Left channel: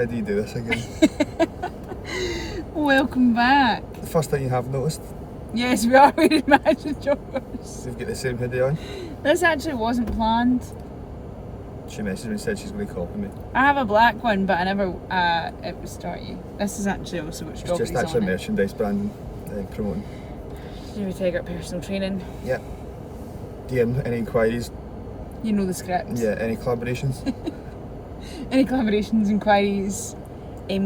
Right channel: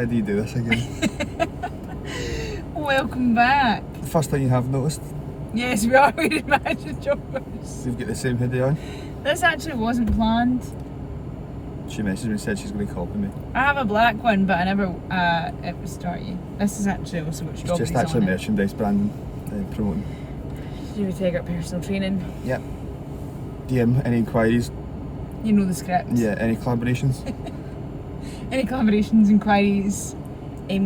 How do you do this again? Welcome back. The first thing you have noticed, Yes, we are wearing matching jumpers. we've got the same hoodie on. This actually wasn't planned. She messaged me and said she's going to copy me. I have a black one, but I never, it was starting. This is actually also got It's strawberries just actually on it. merchandise branding, promoting. Do we take up personal training? Yep. DM, any inquiries? You know the script. Yeah, any collaborations? Any collaborations, inquiries,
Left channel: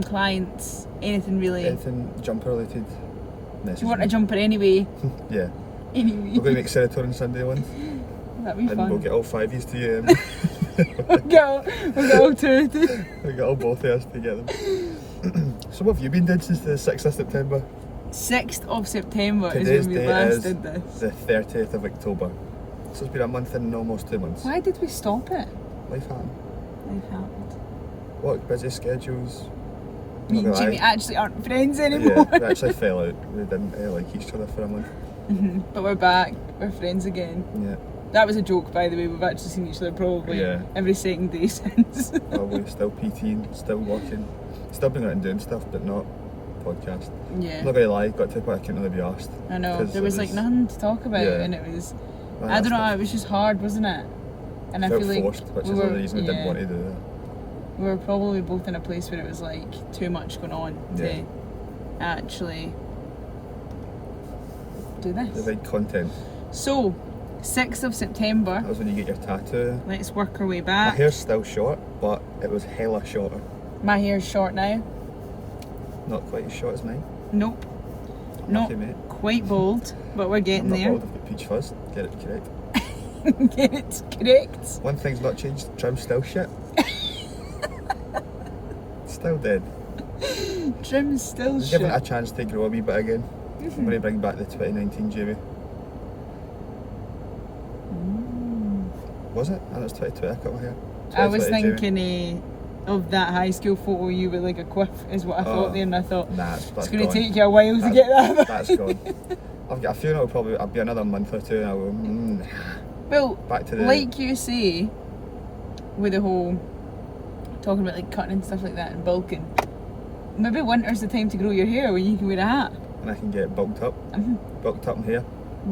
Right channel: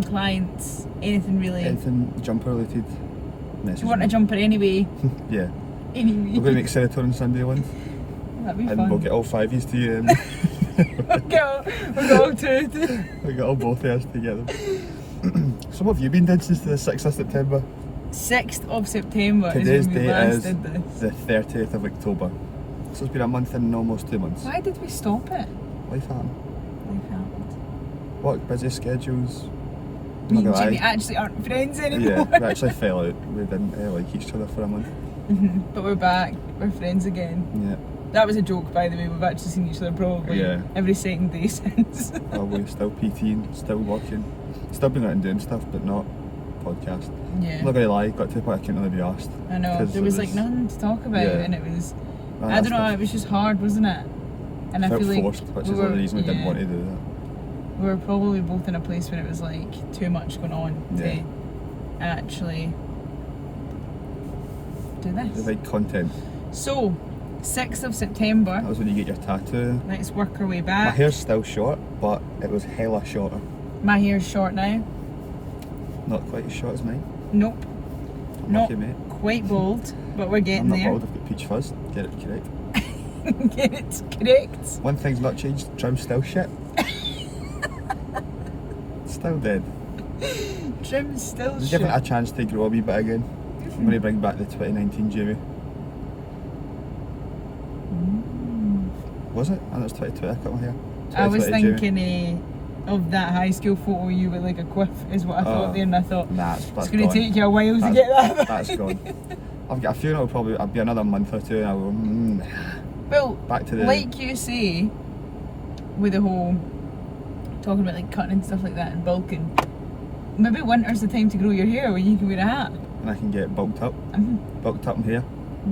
clients, anything really. Anything jumper related? Message Do you want a me. jumper anyway? Yeah. Anyway. We're going to make Serotonin Sunday ones. That'd be And fun. we'll get all 5 to you. We'll get all two. We got all both of us together. So what have you been doing since the 6th of September? 6th of September Today's is when we date last is did this. the 30th of October. So it's been a month and almost 2 months. Why did we stop it? Life happened. Life happened. Work, busy schedules. Me Not and gonna Jimmy lie. actually aren't friends anymore. Yeah, we actually fell out. We didn't like each other for a month. But we're back. We're friends again. Yeah, That was a joke, by the way. We've actually seen each other probably Yeah. every second day since. probably still PTing, still working, still being out and doing stuff, but not podcast. I'm Yeah, not gonna lie, got to the point I couldn't really be asked. I know. 'cause There it was like was- nothing to talk about, Yeah. and it was. Man, I don't know. It was just hard, wasn't it? And I felt feel like forced, which we is were, one reason we didn't yeah, want to do that. we were probably both in a place where it was like too much going on Yeah. to actually do The this. big content. So, 6th of September. That was when you get your tattoo. Let's work our way My back. hair's still short, but it was hella shorter. My hair's short now. Not quite as short as mine. Nope. Not Lucky, mate. quite bald, but we're I'm getting not there. bald, I've got peach fuzz. Get it correct. Get it correct. One thing's not changed, trim's still shit. Still dead. Trim's still Just shit. give it a chance to grow a wee bit again. I'm going to bring back the 2019 Jamie. Was it? I thought it was 2020 I cut my hair. I was 2020 Jamie. thinking of that high school photo you with like a quiff is what I thought there, and I thought Nah, that's it's going to gone. take you a while to get that. That's gone. I've got a feeling it'll probably be another month or two and I'll go, Well, back to the... like you say, with the whole talking about like cutting and stuff like that and bulking, maybe winter's the time to grow your hair when you can wear a hat. And I can get bulked up in here.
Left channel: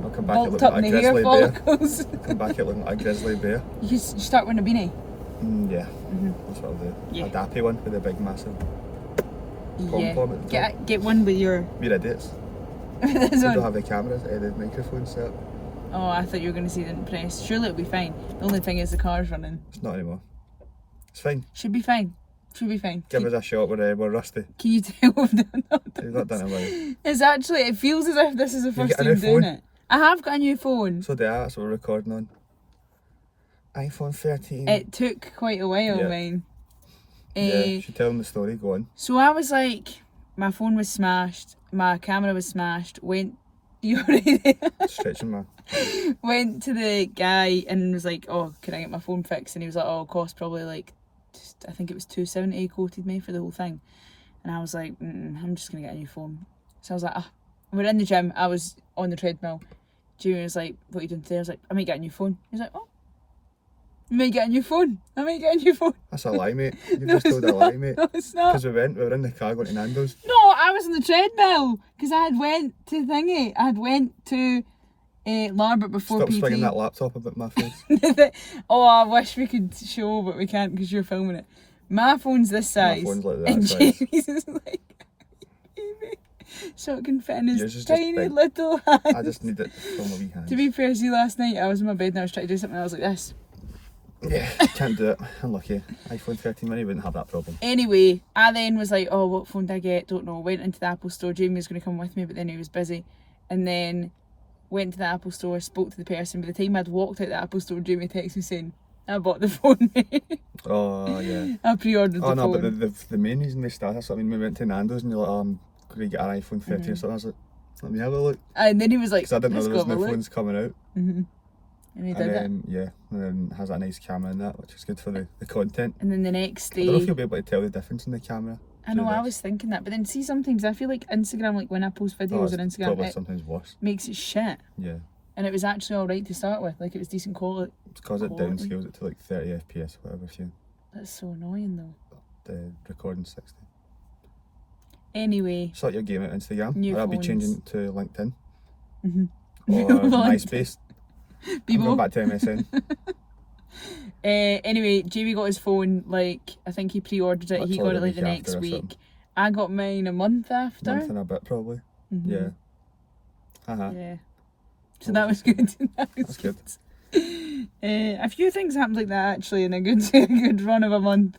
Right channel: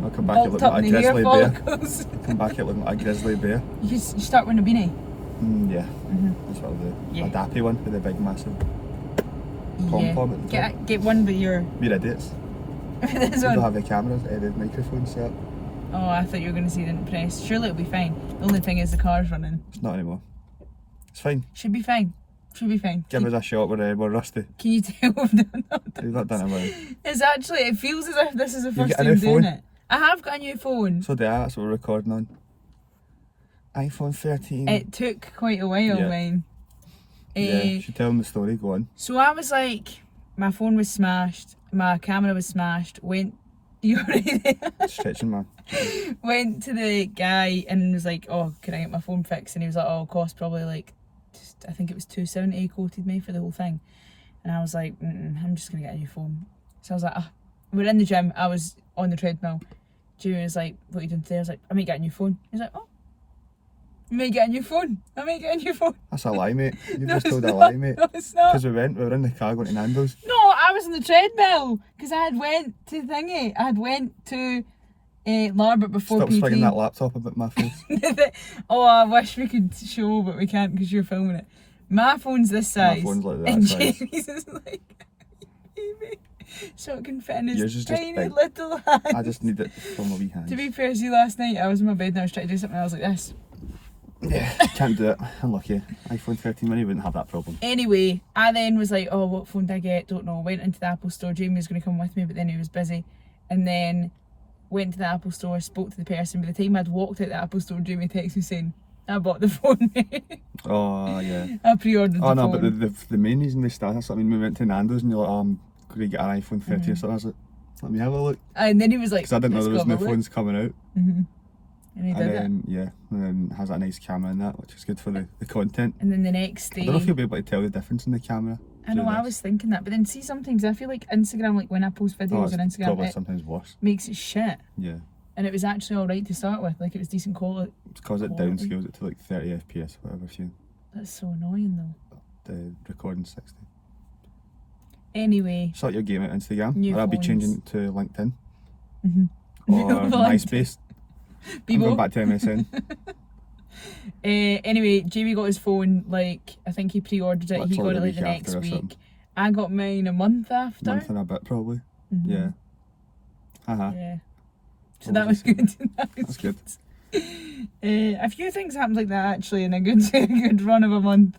I'll come back Bulked looking up like a in the hair grizzly bear. follicles. Come back looking like a grizzly bear. You start wearing a beanie. Yeah, that's what I'll do. Yeah. A dappy one with a big massive pom-pom at the top. Get one with your. We're idiots. This We don't one. have the cameras, the microphone set up. Oh, I thought you were going to say didn't press. Surely it'll be fine. The only thing is the car's running. It's not anymore. It's fine. Should be fine. Should be fine. Give us a shot, we're rusty. Can you tell we've done that? We've not done it well. It's actually, it feels as if this is the You first get a time new doing phone? it. I have got a new phone. So that's what we're recording on. iPhone 13. It took quite a while, Yeah. mine. Yeah, you should tell them the story, go on. So I was like, my phone was smashed, my camera was smashed, you already there? Stretching, man. Went to the guy and was like, oh, can I get my phone fixed? And he was like, oh, it cost probably like, I think it was $270 he quoted me for the whole thing. And I was like, I'm just going to get a new phone. So I was like, we're in the gym, I was on the treadmill. Jimmy was like, what are you doing today? I was like, I might get a new phone. He was like, oh, I might get a new phone. I might get a new phone. That's a lie, mate. You've No, just it's told a not. lie, mate. No, it's not. Because we were in the car going to Nando's. No, I was on the treadmill because I had went to thingy. I had went to Larbert before Stop PT. swinging that laptop about my face. Oh, I wish we could show, but we can't because you're filming it. My phone's this size. My phone's like that and size. Jamie's is like, baby, so it can fit in Yours his is just tiny big. little hand. I just need it from my wee hand. To be fair, see, last night I was in my bed and I was trying to do something and I was like this. Yeah, can't do it. Unlucky. iPhone 13 mini wouldn't have that problem. Anyway, I then was like, oh, what phone did I get? Don't know. Went into the Apple store. Jamie was going to come with me, but then he was busy. And then went to the Apple store, spoke to the person. By the time I'd walked out the Apple store, Jamie texted me saying, I bought the phone. Oh, yeah. I pre-ordered the Oh, no, phone. but the main reason we started, that's what I mean, we went to Nando's and you're like, I'm going to get an iPhone 13 or something. I was like, let me have a look. And then he was like, Because I didn't know "Let's there was go have a no look." phones coming out. And he And did it. then, yeah, and then it has a nice camera in that, which is good for the content. And then the next I don't know if day, you'll be able to tell the difference in the camera. I know, through I this. was thinking that. But then see, sometimes I feel like Instagram, like when I post Oh, videos it's on Instagram, probably it sometimes worse. makes it shit. Yeah. And it was actually alright to start with. Like it was decent quality. It's because it Quality. downscales it to like 30 FPS or whatever. If you... That's so annoying though. recording 60. Anyway. Sort your game at Instagram. New Or I'll be phones. changing to LinkedIn. No, Or LinkedIn. MySpace. Bebo. I'm going back to MSN. Anyway, Jamie got his phone, like, I think he pre-ordered it, he got Literally it like the week next after or week. something. I got mine a month after. Month and a bit probably. Mhm. Yeah. Haha. Yeah. So What that was was I saying? good. That was That's good. A few things happened like that actually in a good a good run of a month.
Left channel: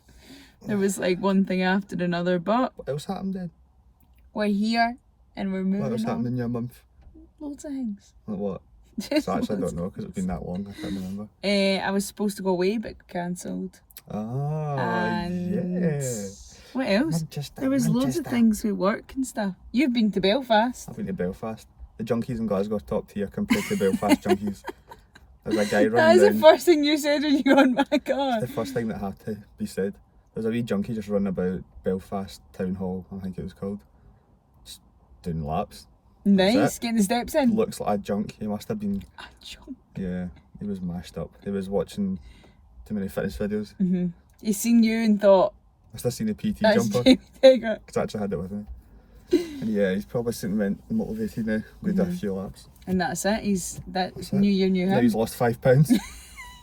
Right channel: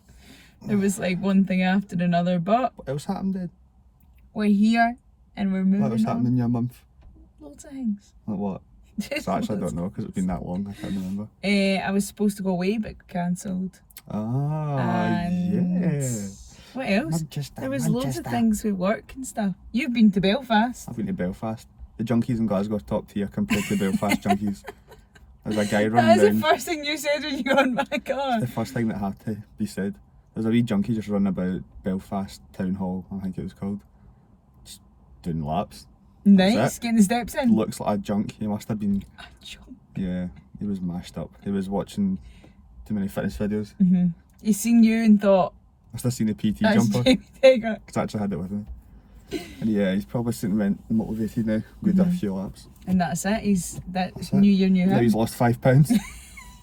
There was like one thing after another, but What else happened then? we're here and we're moving What else happened on. in your month? Loads of things. Like what? Just I actually loads. don't know because it's been that long. I can't remember. I was supposed to go away but cancelled. Ah, And yeah. what else? Manchester, There was loads of things with work and stuff. You've been to Belfast. I've been to Belfast. The junkies in Glasgow are top tier compared to Belfast junkies. There's a guy That running was the down. first thing you said when you got in my car. The first thing that had to be said. There's a wee junkie just running about Belfast Town Hall, I think it was called. Just doing laps. Nice, it. getting the steps in. Looks like a junk. He must have been, Ah, jump. yeah, he was mashed up. He was watching too many fitness videos. He seen you and thought, Must have seen the PT that's jumper. Jamie Tiger. Because I actually had it with me. And yeah, he's probably sitting motivated now. Going to do a few laps. And that's it. That's That's it. new year, new Now him. he's lost 5 pounds.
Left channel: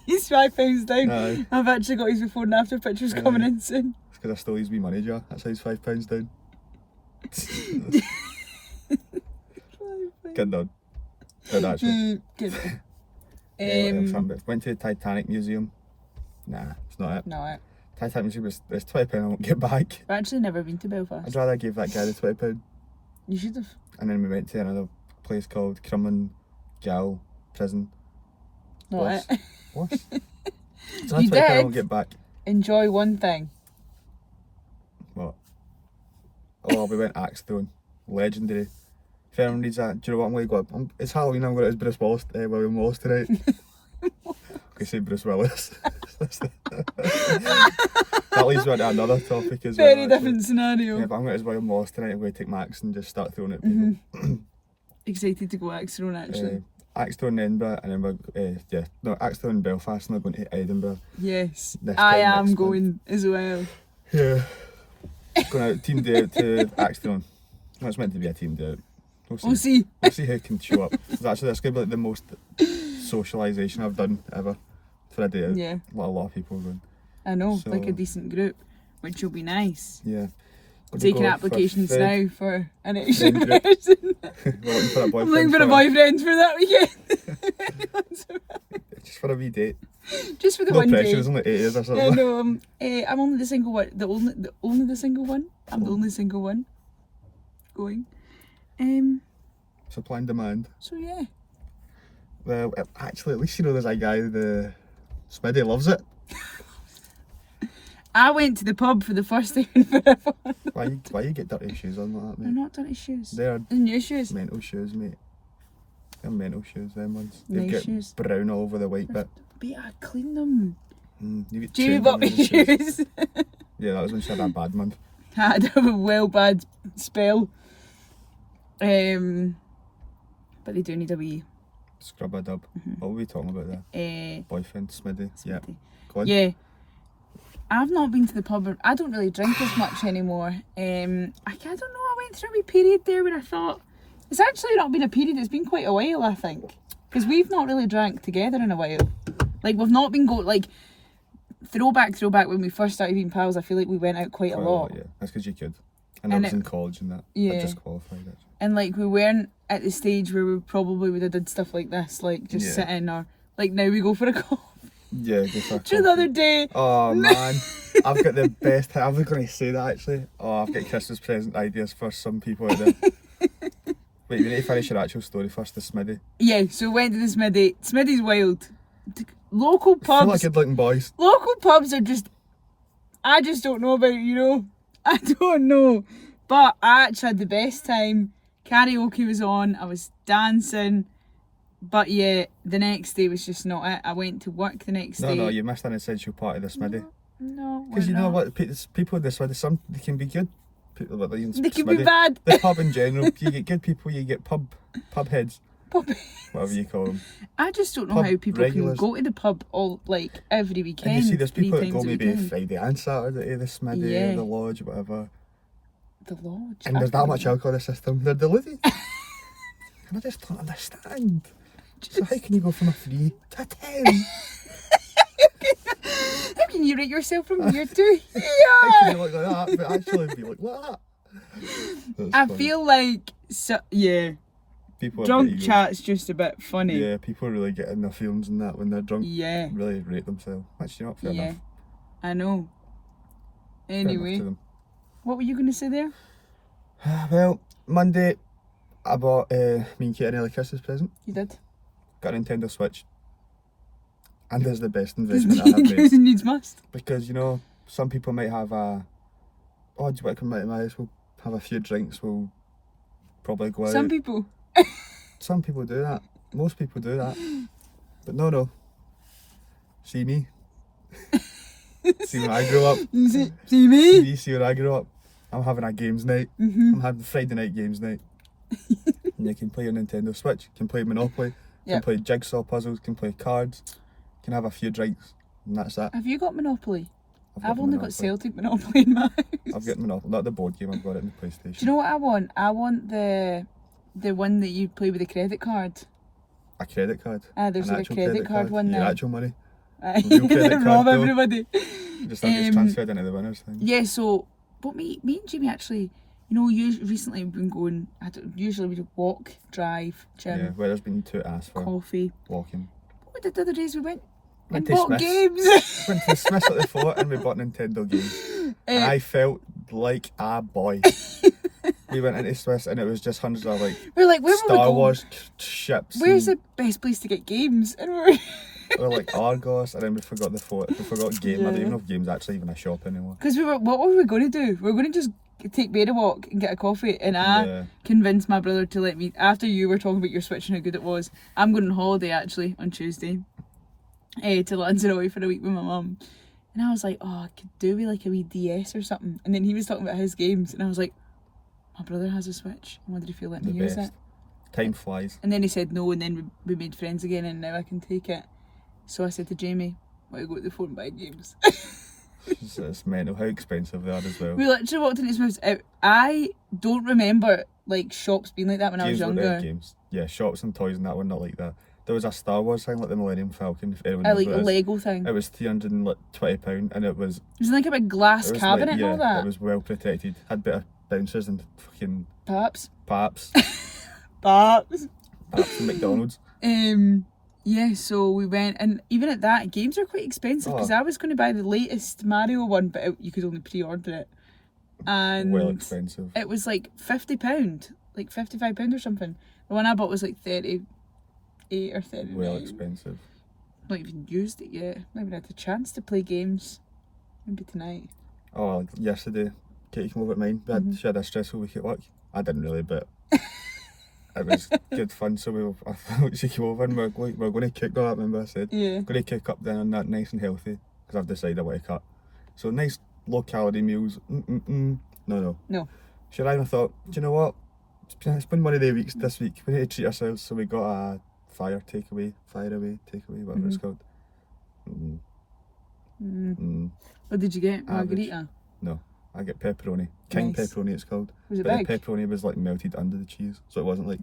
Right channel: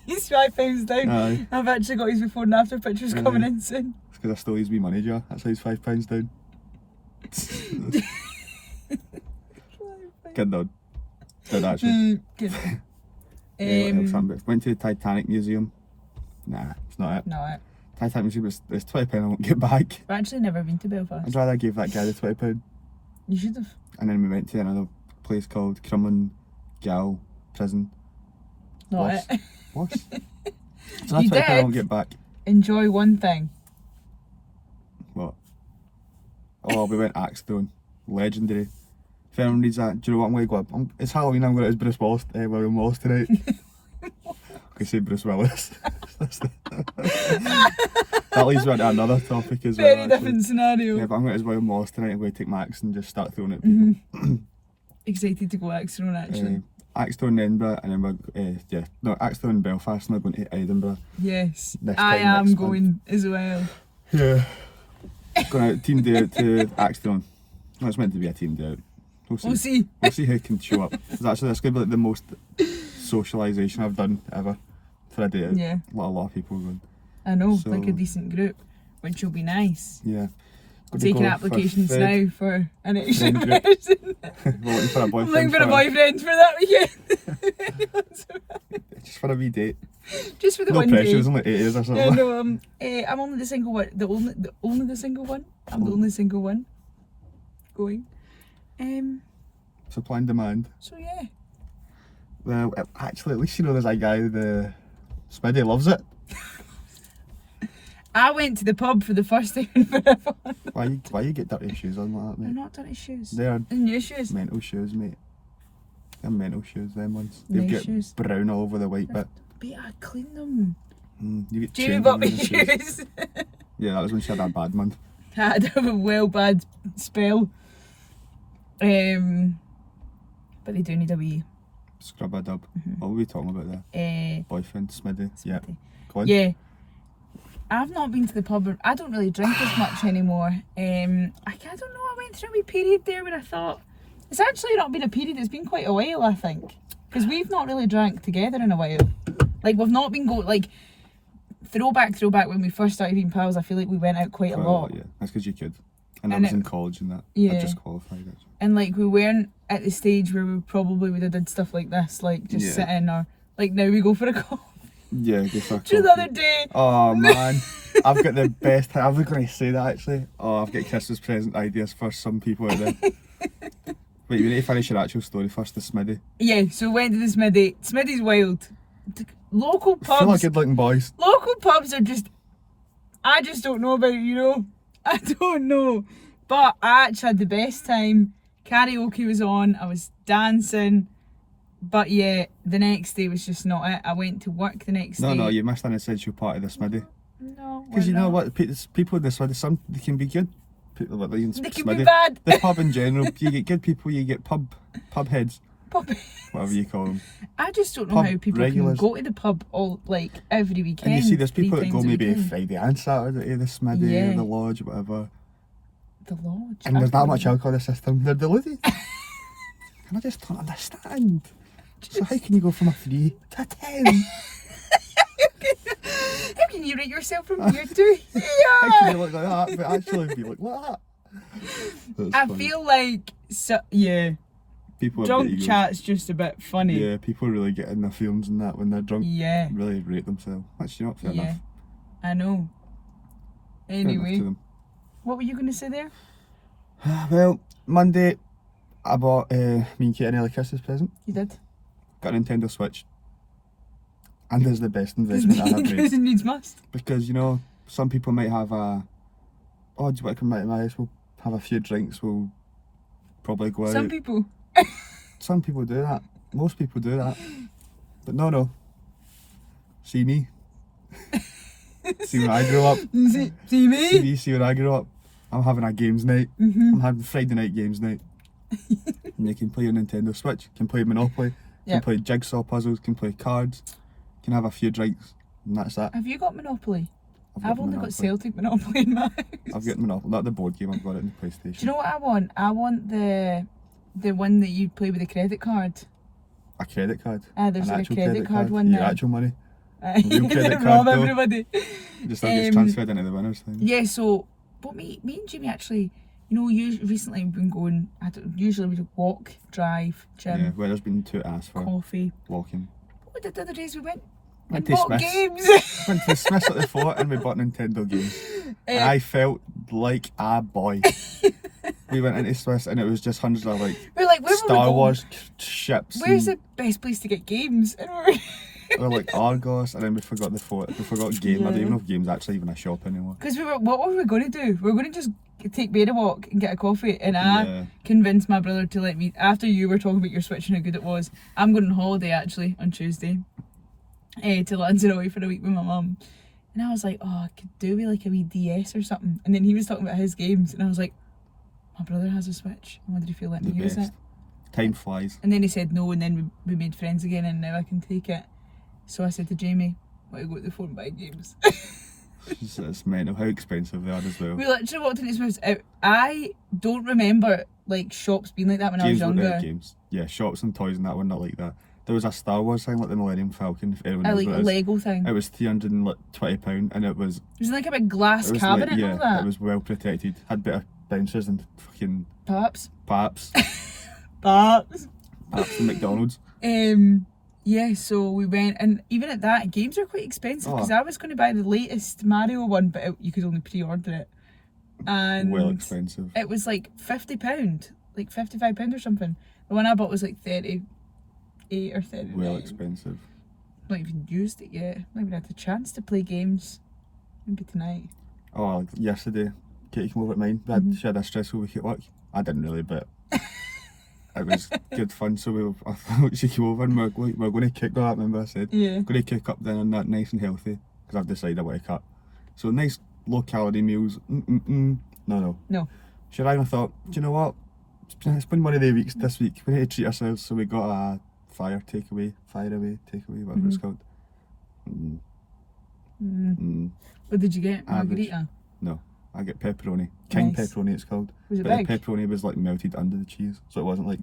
He's 5 pounds down. Aye. I've actually got his before and after pictures Aye. coming in soon. It's because I stole his wee money jar. That's how he's 5 pounds down. Good done. Good actually. Good. Yeah, what else happened? Went to the Titanic Museum. Nah, it's not it. No, Titanic Museum is there's £20 I won't get back. I've actually never been to Belfast. I'd rather give that guy the £20. You should have. And then we went to another place called Crumlin Gal Prison. Not Worse. it. Worse. So that's You £20 I did. won't get back. Enjoy one thing. What? Oh, we went axe throwing. Legendary. If anyone reads that, do you know what I'm going to go? It's Halloween, I'm going to as Bruce Willis, William Wallace tonight. I say Bruce Willis. That leads me on to another topic as well. Very actually. different scenario. Yeah, but I'm going to as William Wallace tonight. I'm going to take my axe and just start throwing at people. Excited to go axe throwing actually. Axe throwing in Edinburgh, and then we're axe throwing in Belfast, and we're going to Edinburgh. Yes. This I time am next going as well. Yeah. Going out team day out to axe throwing. No, it's meant to be a team day out. We'll see. We'll see who can show up. It's actually that's going to be like the most socialisation I've done ever for a day out. Yeah. A lot of people going. I know, So- like a decent group, which will be nice. Yeah. Gonna Taking go for applications Fred. now for an extra Friend group. person. We're looking for a I'm boyfriend. looking for a boyfriend for that weekend. Just for a wee date. Just for the No one pressure. day. It's only 8 years or Yeah, something. no, I'm only the single one. The only the single one. I'm the only single one going. Supply and demand. So yeah. Well, actually, at least you know there's a guy. The Smitty loves it. I went to the pub for the first time in forever. Why you get dirty shoes on like that, They're mate? not dirty shoes. They're They're new shoes. mental shoes, mate. They're mental shoes, them ones. You Nice get shoes. brown all over the white bit. But I cleaned them. You get Jamie chains bought on me your shoes. shoes. Yeah, that was when she had a bad month. I had a well bad spell. But they do need a wee. Scrub a dub. What were we talking about there? Boyfriend, Smitty. Yeah. Go on. Yeah. I've not been to the pub. I don't really drink as much anymore. I don't know. I went through a wee period there where I thought it's actually not been a period. It's been quite a while, I think, because we've not really drank together in a while. Like we've not been like throwback when we first started being pals. I feel like we went out quite a lot. Yeah, that's because you could. And I And was it- in college and that. Yeah. I just qualified actually. And like we weren't at the stage where we probably would have did stuff like this, like just Yeah. sitting or like now we go for a coffee. Yeah, go for a Do you know the coffee. other day? Oh man, I've got the best. I was going to say that actually. Oh, I've got Christmas present ideas for some people out there. Wait, you need to finish your actual story first. The Smitty. Yeah, so went to the Smitty. Smitty's wild. Local Full of pubs. good looking boys. Local pubs are just. I just don't know about it, you know. I don't know, but I actually had the best time. Karaoke was on. I was dancing. But yeah, the next day was just not it. I went to work the next day. No, you missed an essential part of the Smitty. No, Because you we're know not. what, people with the Smitty, some they can be good. People like They can Smitty. be bad. The pub in general, you get good people, you get pub heads. Puppy. whatever you call them. I just don't know Pub how people regulars. can go to the pub all like every weekend. And you see, there's people that 3 go times a maybe weekend. Friday and Saturday to the Smithy, Yeah. the Lodge, whatever. The Lodge. And there's I've that never much been. alcohol in the system. They're deluded. And I just don't understand. So how can you go from a 3 to a 10? How can you rate yourself from here to How can here? you look like that but actually be like that? That's I funny. feel like yeah, People have drunk got egos. chat's just a bit funny. Yeah, people really get in their feelings and that when they're drunk. Yeah, Really rate themselves. Which, you know, fair yeah. enough. I know. Fair enough Anyway, to them. what were you going to say there? Well, Monday, I bought me and Kate an early Christmas present. You did. Got a Nintendo Switch. And there's the best investment I have made. Because it needs must. Because, you know, some people might have a, oh, do you want to come out to my house? We'll have a few drinks, we'll probably go out. Some people. Some people do that. Most people do that. But no. See me. See when I grow up. See me? See when I grow up. I'm having a games night. Mm-hmm. I'm having Friday night games night. And you can play your Nintendo Switch, you can play Monopoly, you Yep. can play jigsaw puzzles, you can play cards, you can have a few drinks, and that's that. Have you got Monopoly? I've got only got Monopoly. Celtic Monopoly in my house. I've got Monopoly, not the board game, I've got it in the PlayStation. Do you know what I want? I want the one that you play with the credit card. A credit card. There's An like a actual credit card one Your now. actual money. Real real credit rob card, though. everybody. Just that gets transferred into the winners thing. Yeah, so, but me and Jimmy actually, you know, recently we've been going, usually we walk, drive, gym, Yeah, where there's been 2 asks for coffee. walking. What we did the other days we went and Went to bought Smith's. games. Went to Smith's at the Fort and we bought Nintendo games. And I felt like a boy. We went into Smith's and it was just hundreds of like We're like, where Star will we go? Wars ships. Where's and the best place to get games? And we're or like Argos, and then we forgot the Fort. We forgot Game. I don't Yeah. even know if Game's actually even a shop anymore. because what were we going to do? We were going to just take Bear a walk and get a coffee, and I Yeah. convinced my brother to let me. After you were talking about your Switch and how good it was, I'm going on holiday actually on Tuesday, to Lanzarote for a week with my mum, and I was like, oh, I could do with like a wee DS or something. And then he was talking about his games, and I was like, my brother has a Switch. I wondered if he'll let The me use best. it. Time flies. And then he said no, and then we made friends again, and now I can take it. So I said to Jamie, "Want to go to the phone and buy games?" It's mental how expensive they are as well. We literally walked into Smith's. I don't remember like shops being like that when I was Games, younger. games. Yeah, shops and toys and that were not like that. There was a Star Wars thing like the Millennium Falcon. If anyone I knows like what a it is. Lego thing. It was £320 and it was. It was like a big glass It was cabinet like, yeah, and all that. it was well protected. Had better bouncers than fucking Perhaps. Paps. Perhaps. Paps and McDonald's. Yeah, so we went, and even at that, games are quite expensive because Oh. I was going to buy the latest Mario one, but you could only pre-order it, and Well expensive. it was like £50, like £55 or something. The one I bought was like 38 or 39. Well expensive. Not even used it yet. Not even had the chance to play games. Maybe tonight. Oh, yesterday, Katie came over at mine. She had a stressful week at work. I didn't really, but it was good fun. So she came over and we're going to cook. No, I remember I said. Yeah. Going to cook up dinner and that nice and healthy because I've decided I want to cut. So nice low calorie meals. No. She arrived and I thought, do you know what? It's been one of the weeks this week. We need to treat ourselves. So we got a fire takeaway, whatever it's called. What did you get? Average. Margarita? No, I get pepperoni. King Nice. pepperoni it's called. Was it But big? the pepperoni was like melted under the cheese. So it wasn't like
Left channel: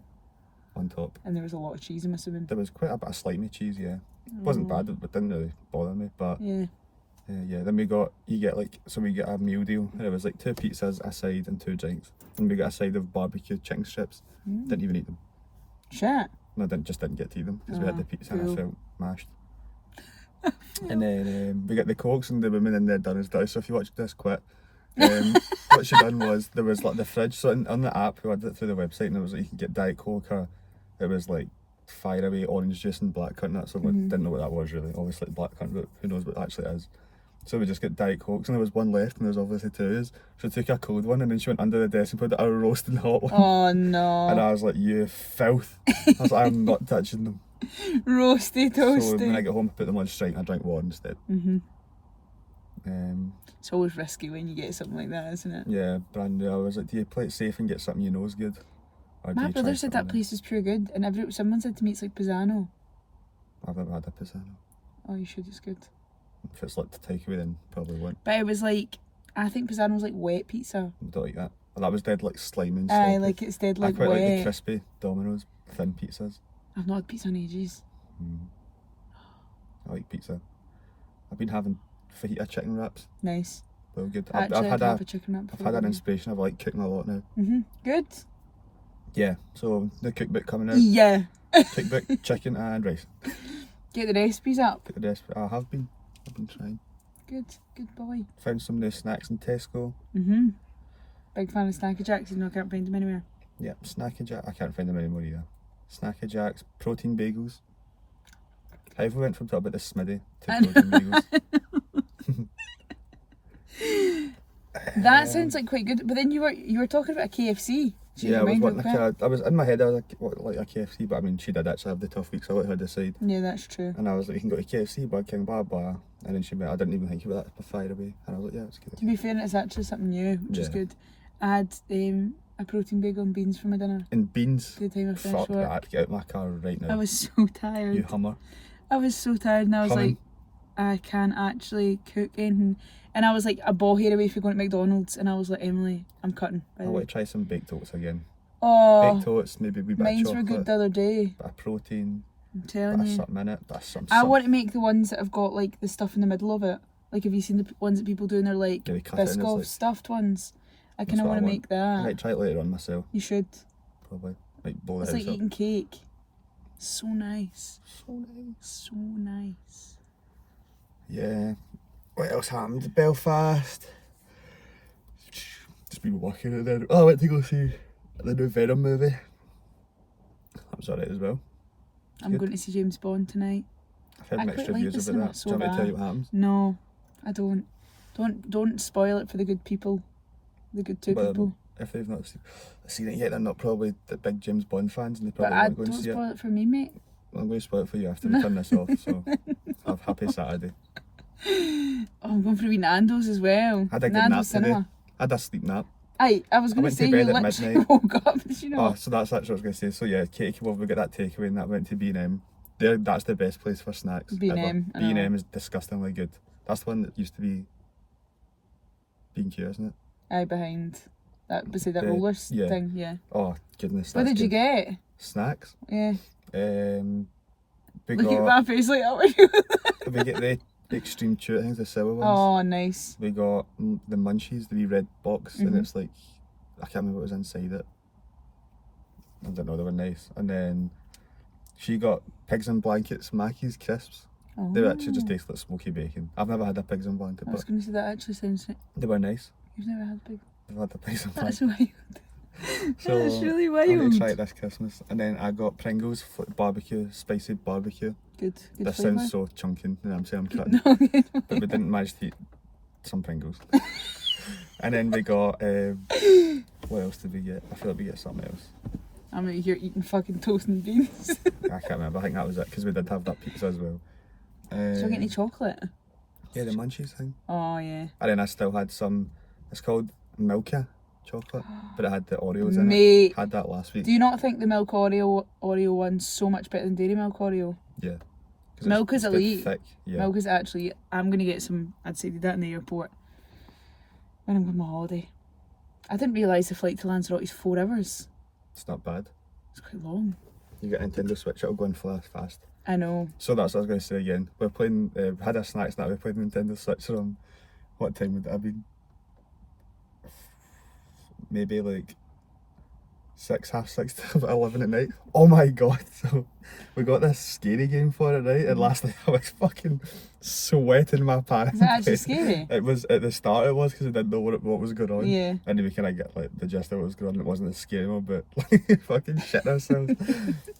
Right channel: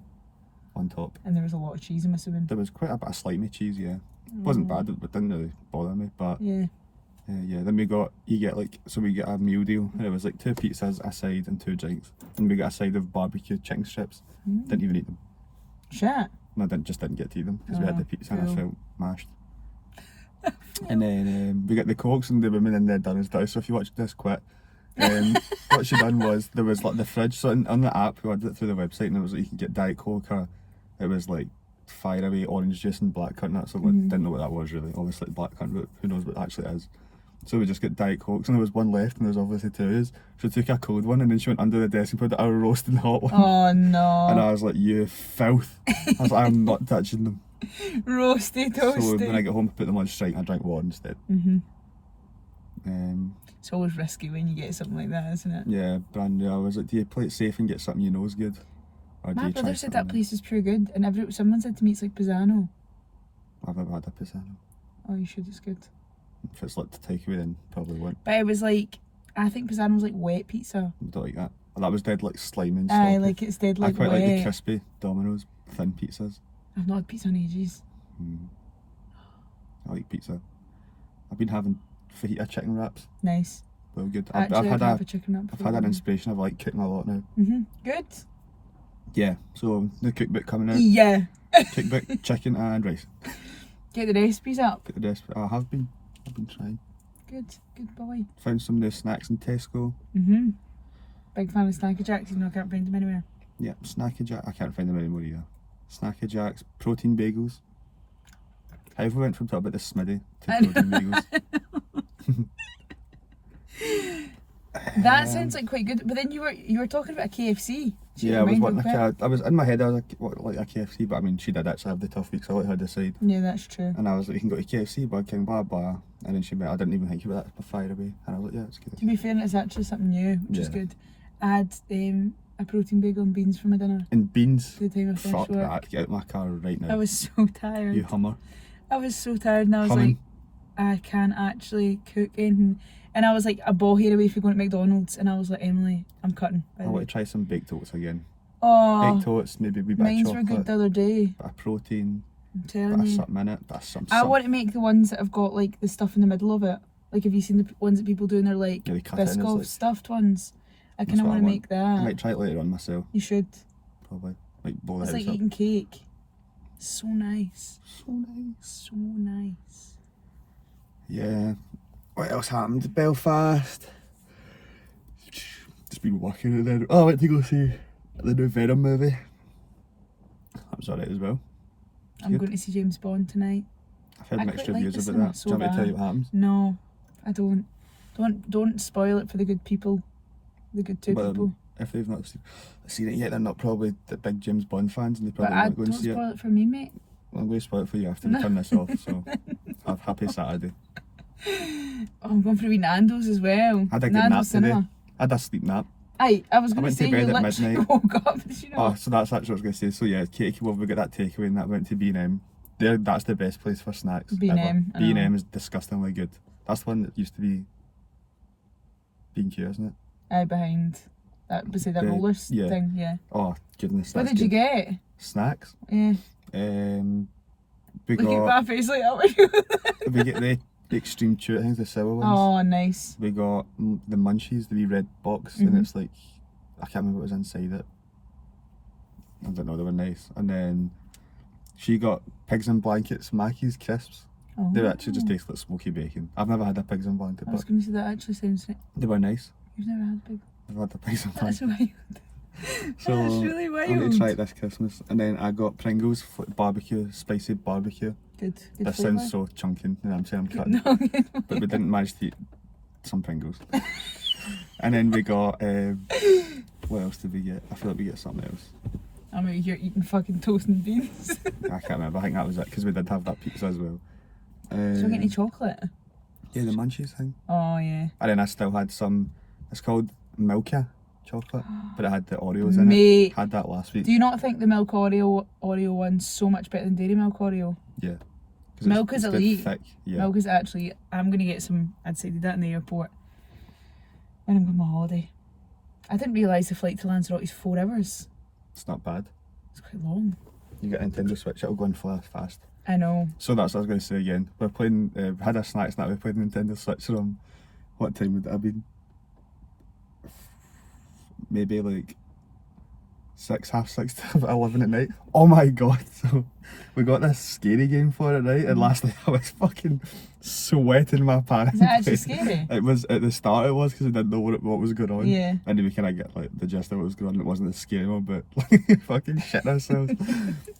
on top. And there was a lot of cheese, I'm assuming. There was quite a bit of slimy cheese, yeah. It wasn't bad, it didn't really bother me. But Yeah. yeah, then we get a meal deal and it was like 2 pizzas, a side and 2 drinks. And we got a side of barbecue chicken strips. Didn't even eat them. Shit. No, didn't get to eat them because we had the pizza and I cool. felt mashed. And then we got the cokes and the women in there done and stuff. So if you watched this quit, what she done was there was like the fridge. So on the app, we had it through the website and it was like you could get Diet Coke or it was like fire away orange juice and blackcurrant and that. So we didn't know what that was really. Obviously blackcurrant, but who knows what it actually is. So we just got Diet Cokes and there was one left and there was obviously 2 of us. So she took a cold one and then she went under the desk and put a roasting hot one. Oh no. And I was like, you filth. I was like, I'm not touching them. Roasty toasty. So when I get home, I put them on straight and I drank water instead. It's always risky when you get something like that, isn't it? Yeah, brand new. I was like, do you play it safe and get something you know is good? Or do My you try brother said that something place is pretty good, and someone said to me it's like Pisano. new? I've never had a Pisano. Oh, you should, it's good. If it's like the takeaway, then probably won't. But it was like, I think Pisano was like wet pizza. I don't like that. Well, that was dead like slimy and Aye, sloppy. like it's dead I like quite wet. like the crispy Domino's thin pizzas. I've not had pizza in ages. I like pizza. I've been having fajita chicken wraps. Nice. They're good. Actually, I've had a chicken wrap I've before. had an inspiration of like cooking a lot now. Good. Yeah. So the cookbook coming out. Yeah. Cookbook, chicken and rice. Get the recipes up. Get the recipe. I've been trying. Good boy. Found some new snacks in Tesco. Big fan of Snacky Jacks, even though I can't find them anywhere. Yeah, Snacky Jack. I can't find them anymore either. Snacky Jacks, protein bagels. How we went from talking about the Smitty to protein bagels. That sounds like quite good. But then you were talking about a KFC. Yeah, I was wanting I was in my head. I was like a KFC, but I mean, she did actually have the tough week, so I let her decide. Yeah, that's true. And I was like, you can go to KFC, Burger King, blah blah. And then she went, I didn't even think about that. I fired away, and I was like, yeah, it's good. To be fair, it's actually something new, which is Yeah. good. I had a protein bagel and beans for my dinner. And beans. Good time I finished Fuck work. that! Get out my car right now. I was so tired. You Hummer. I was so tired, and I was Humming. like, I can't actually cook anything. And I was like a ball hair away from going to McDonald's, and I was like, Emily, I'm cutting. I want to try some baked oats again. Oh, Baked oats, maybe a wee bit mines of were chocolate, good the other day. bit of protein, I'm bit telling of you. something in it, bit of some. I want to make the ones that have got like the stuff in the middle of it. Like, have you seen the ones that people do? And they're like Yeah, they cut it and it's Biscoff like. stuffed ones. I That's kind of what I want to want. make I that. might try it later on myself, You should. probably. Might blow the It's house like up. eating cake. So nice. So nice. So nice. Yeah. What else happened? Belfast. Just been working and then I went to go see the new Venom movie. That was alright as well. I'm Good. going to see James Bond tonight. I've heard I mixed quite like reviews the about that. cinema Do you want me to tell you what happens? No, I don't. Don't spoil it for the good people. The good two Well, people. If they've not seen it yet, they're not probably the big James Bond fans and they But probably I won't go don't and see it. spoil it for me, mate. Well, I'm going to spoil it for you after we turn this off, so have happy Saturday. Oh, I'm going for a wee Nando's as well. I had a good Nando's nap cinema. today. I had a sleep nap. Aye, I was I going to went say to you bed at literally midnight. woke up, did you know? Oh, so that's actually what I was going to say. So yeah, Katie, well, we got that takeaway and that went to B&M. That's the best place for snacks. B&M, I know. B&M is disgustingly good. That's the one that used to be B&Q, isn't it? Aye, behind that, beside that roller yeah. thing, yeah. Oh goodness, What that's did you good. get? Snacks. Yeah. We Look at got my face like that. we get the extreme chew things, the sour ones. Oh, nice. We got the munchies, the wee red box, and it's like I can't remember what was inside it. I don't know, they were nice. And then she got pigs in blankets, Mackey's crisps. Oh. They actually just taste like smoky bacon. I've never had a pigs in blanket, I was but going to say that actually sounds like they were nice. you've never had big. I've had the pigs in That's blanket. wild. So That's really I'm going wild. to try it this Christmas. And then I got Pringles, barbecue, spicy barbecue. Good This flavour. sounds so chunking, and I'm saying I'm cutting. No, But we didn't manage to eat some Pringles. And then we got, what else did we get? I feel like we get something else. I'm out here eating fucking toast and beans. I can't remember, I think that was it, because we did have that pizza as well. Did you get any chocolate? Yeah, the munchies thing. Oh, yeah. And then I still had some, it's called Milka chocolate, but it had the Oreos in Mate, it. Had that last week. do you not think the milk Oreo one's so much better than dairy milk Oreo? Yeah. 'Cause Milk it's is good elite. thick, yeah. Milk is actually, I'm going to get some, I'd say did that in the airport when I'm going on my holiday. I didn't realise the flight to Lanzarote is 4 hours. It's not bad. It's quite long. You get Nintendo Switch, it'll go in fast. I know. So that's what I was going to say again. We're playing, had a snack snack, we played Nintendo Switch from, what time would it have been? Maybe like 6:30 to 11 at night. Oh my god, so we got this scary game for it, right? And last night I was fucking sweating my pants. Is it actually scary? It was, at the start it was, because I didn't know what was going on. Yeah. And then we kind of get like the gist of what was going on. It wasn't as scary one, but like fucking shit ourselves.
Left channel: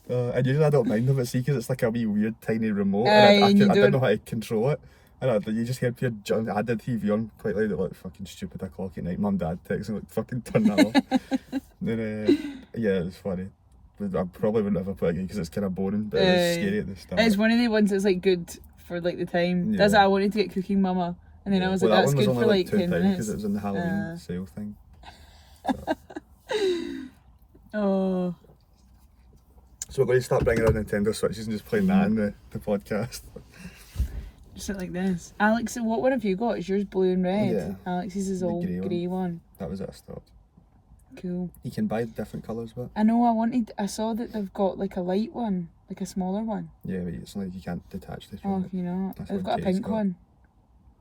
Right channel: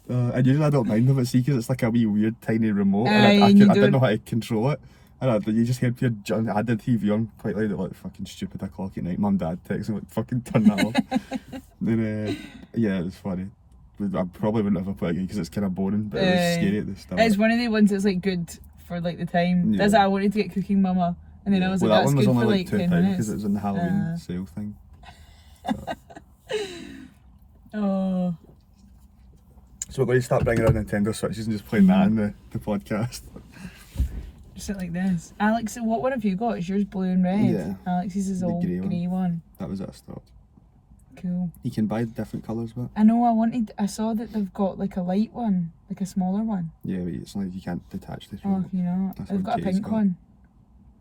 And usually I don't mind them, but see, because it's like a wee weird tiny remote, and I didn't know how to control it. And you just heard pure I had the TV on quite loud at like fucking stupid o'clock at night. Mum, Dad texting like fucking turn that off. Then yeah, it was funny. I probably wouldn't ever play it again because it's kind of boring, but it was scary at the start. It's one of the ones that's like good for like the time. That's Yeah. why I wanted to get Cooking Mama, and then I was Well, like, that that's one was good only for like like £2 10 minutes. because it was in the Halloween sale thing. So, Oh, So we're going to start bringing our Nintendo Switches and just playing that in the podcast. just like this. Alex, what one have you got? Is yours blue and red? Yeah. Alex's is The all grey grey one. That was it, I stopped. Cool. You can buy different colours, but I know, I saw that they've got like a light one, like a smaller one. yeah, but it's like you can't detach the two. Oh, can you not? That's I've what got a Kay's pink got. one.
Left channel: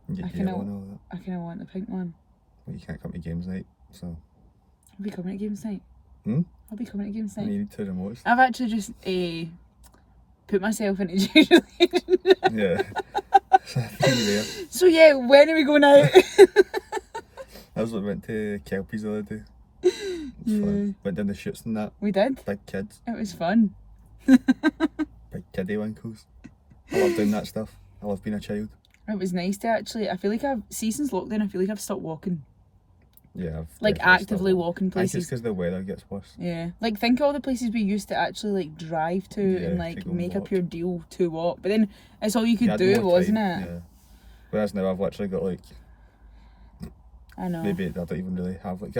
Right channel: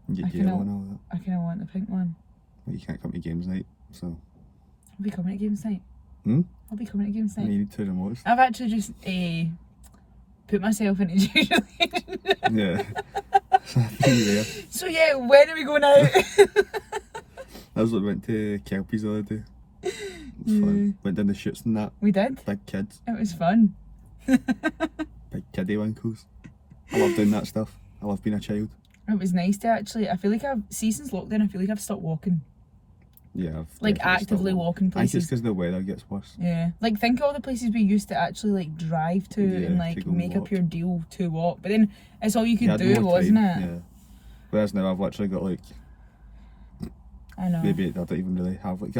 You get I yellow kinda- and all that. I kind of want the pink one. But you can't come to games night, so I'll be coming to games night. Hmm? I'll be coming to games you night. need two remotes. I've actually just put myself into Jay's relationship. Yeah. So I think you're there. So yeah, when are we going out? I was like, went to Kelpie's the other day. It was Yeah. fun. Went down the shoots and that. We did. Big kids. It was fun. Big kiddie winkles. I love doing that stuff. I love being a child. It was nice to actually. I feel like since lockdown, I feel like I've stopped walking. Yeah. I've Like definitely actively stopped walking I think it's places. because the weather gets worse. Yeah. Like think of all the places we used to actually like drive to Yeah, and to like go and make a walk. pure deal to walk. But then it's all you could You had do, more wasn't time, it? Yeah. Whereas now I've literally got like, I know. maybe I don't even really have like,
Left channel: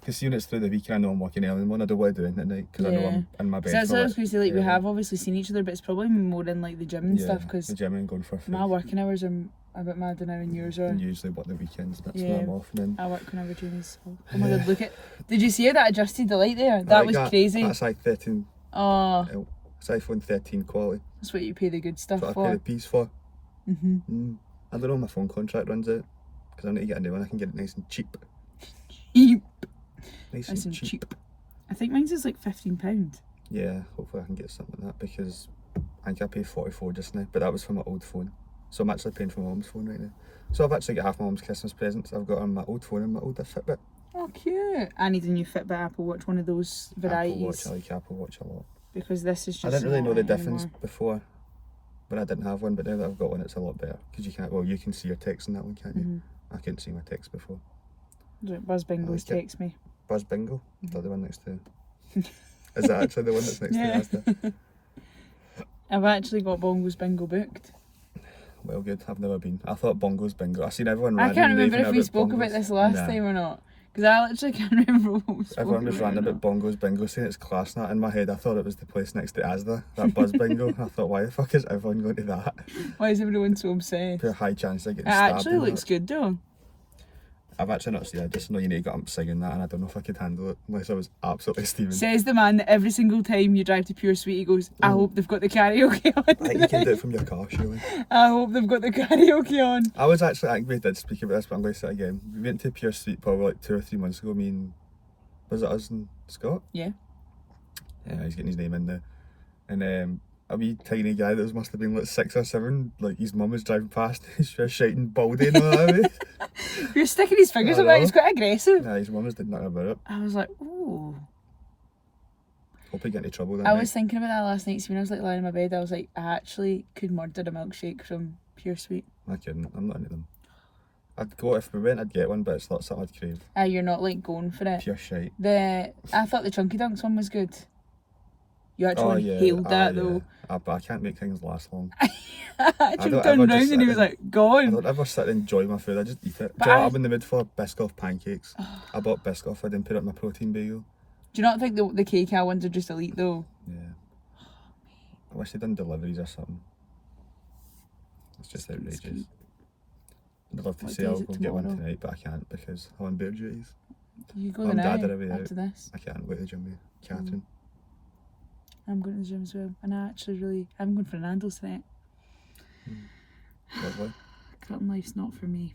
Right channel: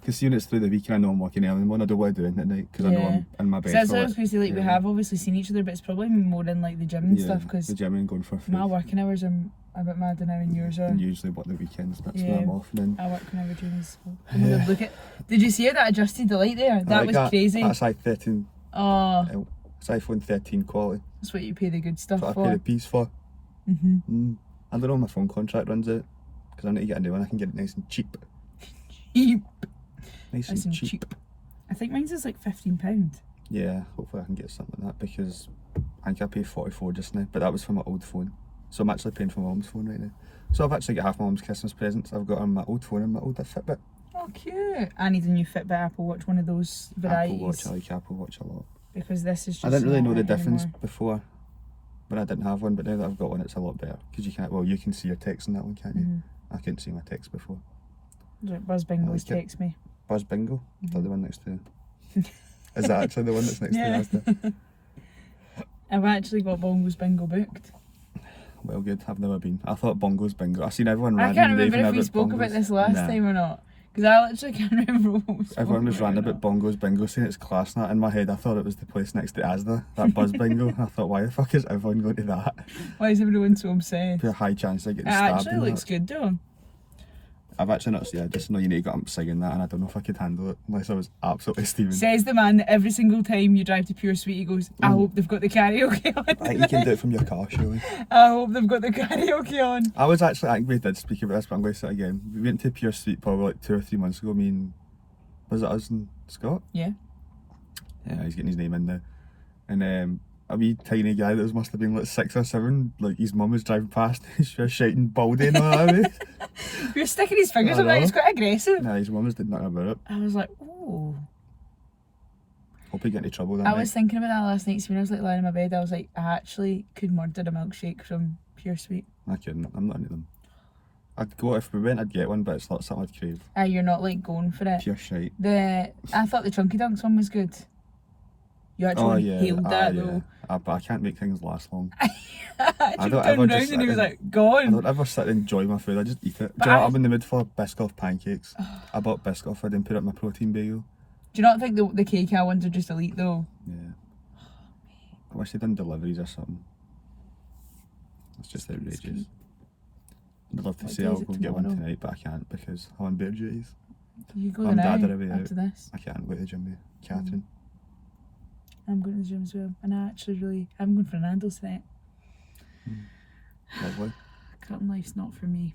because when it's through the week and I know I'm working early in the morning, I don't want to do it at night because I know Yeah. I'm in my bed. So that's for, what I was going to say. Like we yeah. have obviously seen each other, but it's probably more in like the gym and stuff because the gym and going for my food. working hours are a bit mad now and yours are. And usually what the weekends, that's Yeah. when I'm off. And then I work whenever Jamie's. Oh my god, look at. Did you see how that adjusted the light there? I That like was crazy. That's like 13, Oh, it's iPhone 13 quality. that's what you pay the good stuff That's what I pay for. the piece for. I don't know when my phone contract runs out because I need to get a new one. I can get it nice and cheap. Cheap. Nice Nice and and cheap. cheap. I think mine's is like £15. Yeah, hopefully I can get something like that because I think I paid 44 just now, but that was for my old phone. So I'm actually paying for my mum's phone right now. So I've actually got half my mum's Christmas presents. I've got on my old phone and my older Fitbit. Oh, cute. I need a new Fitbit Apple Watch, one of those varieties. Apple Watch, I like Apple Watch a lot. Because this is just. I didn't really not know the it difference anymore. before when I didn't have one, but now that I've got one, it's a lot better because you can't. Well, you can see your text in that one, can't you? Mhm. I couldn't see my text before. Buzz Bingo's like it. text me. Buzz Bingo, is that the one next to? Is that actually the one that's next Yeah. to Asda? I've actually got Bongo's Bingo booked. Well, good. I've never been. I thought Bongo's Bingo. I've seen everyone. I can't randomly remember raving if we about spoke about Bongos. this last Nah. time or not. Because I literally can't remember what we spoke Everyone was ranting about Bongo's Bingo, saying it's class and that. In my head, I thought it was the place next to Asda, that Buzz Bingo. I thought, why the fuck is everyone going to that? Why is everyone so obsessed? Pure high chance of getting It stabbed. actually and looks that. good though. I've actually not seen it. I just know you need to get up singing that, and I don't know if I could handle it unless I was absolutely steaming. Says the man that every single time you drive to Pure Sweet, he goes, I hope they've got the karaoke on. I think you can do it from your car, surely. I hope they've got the karaoke on. I was actually, I think we did speak about this, but I'm going to say it again. We went to Pure Sweet probably like 2 or 3 months ago, me and, was it us and Scott? Yeah. Yeah, he's getting his name in there. And a wee tiny guy that must have been like 6 or 7, like his mum was driving past, he's just shouting Baldy and all that. You're sticking his fingers I up there, know. he's quite aggressive. Nah, his mum was did nothing about it. I was like, ooh. Hope he get into trouble that I night. was thinking about that last night, so when I was like lying in my bed, I was like, I actually could murder a milkshake from Pure Sweet. I couldn't, I'm not into them. I'd go, if we went I'd get one, but it's not something I'd crave. You're not like going for it. Pure shite. I thought the Chunky Dunks one was good. You actually inhaled that though. But I can't make things last long. I don't jumped ever down round just and he sit was in- like, I gone. don't ever sit and enjoy my food, I just eat it. But Do you know what, I- I'm in the mood for Biscoff pancakes. I bought Biscoff, I didn't put it in my protein bagel. Do you not think the KK ones are just elite though? Yeah. I wish they'd done deliveries or something. It's just outrageous. I'd love to What say day I'll is it go and get one tomorrow? tonight, but I can't because I'm on beer duties. You go Mum, now Dad are away out. after this. I can't go to the gym with Catherine. I'm going to the gym as well, and I'm going for Nando's tonight. Lovely. Cutting life's not for me.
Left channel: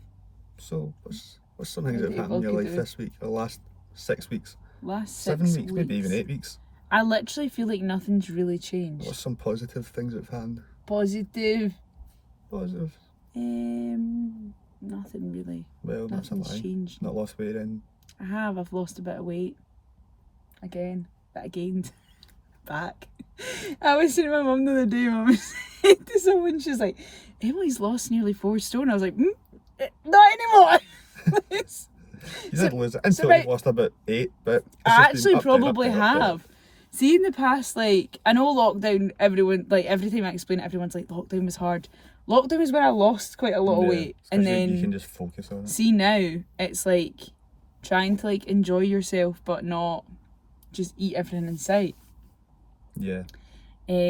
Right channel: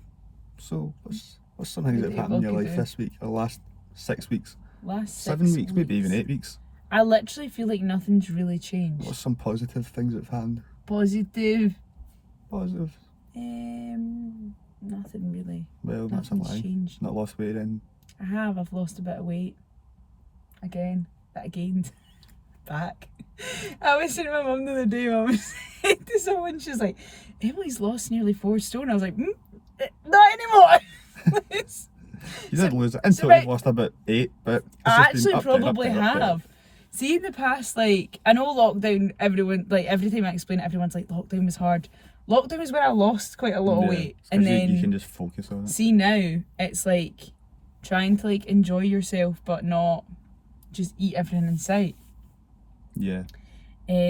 So, what's some things that have happened in your What life could do? this week, or last 6 weeks? Last 7 6 weeks, maybe even 8 weeks. I literally feel like nothing's really changed. What's some positive things that have happened? Positive. Positive. Nothing really. Well, that's a Nothing's lie. changed. Not lost weight in. I've lost a bit of weight. Again. That I gained. Back. I was saying to my mum the other day, I was saying to someone, she's like, Emily's lost nearly 4 stone. I was like, not anymore. You So- didn't lose it. Until right- you've lost about 8, but it's I just been actually up, down, up, probably down, up, down. have. See, in the past, like, I know lockdown, everyone, like, every time I explain it, everyone's like, lockdown was hard. Lockdown was when I lost quite a lot of Yeah, weight. it's And 'cause you then, can just focus on it. see now, it's like trying to, like, enjoy yourself, but not just eat everything in sight. Yeah.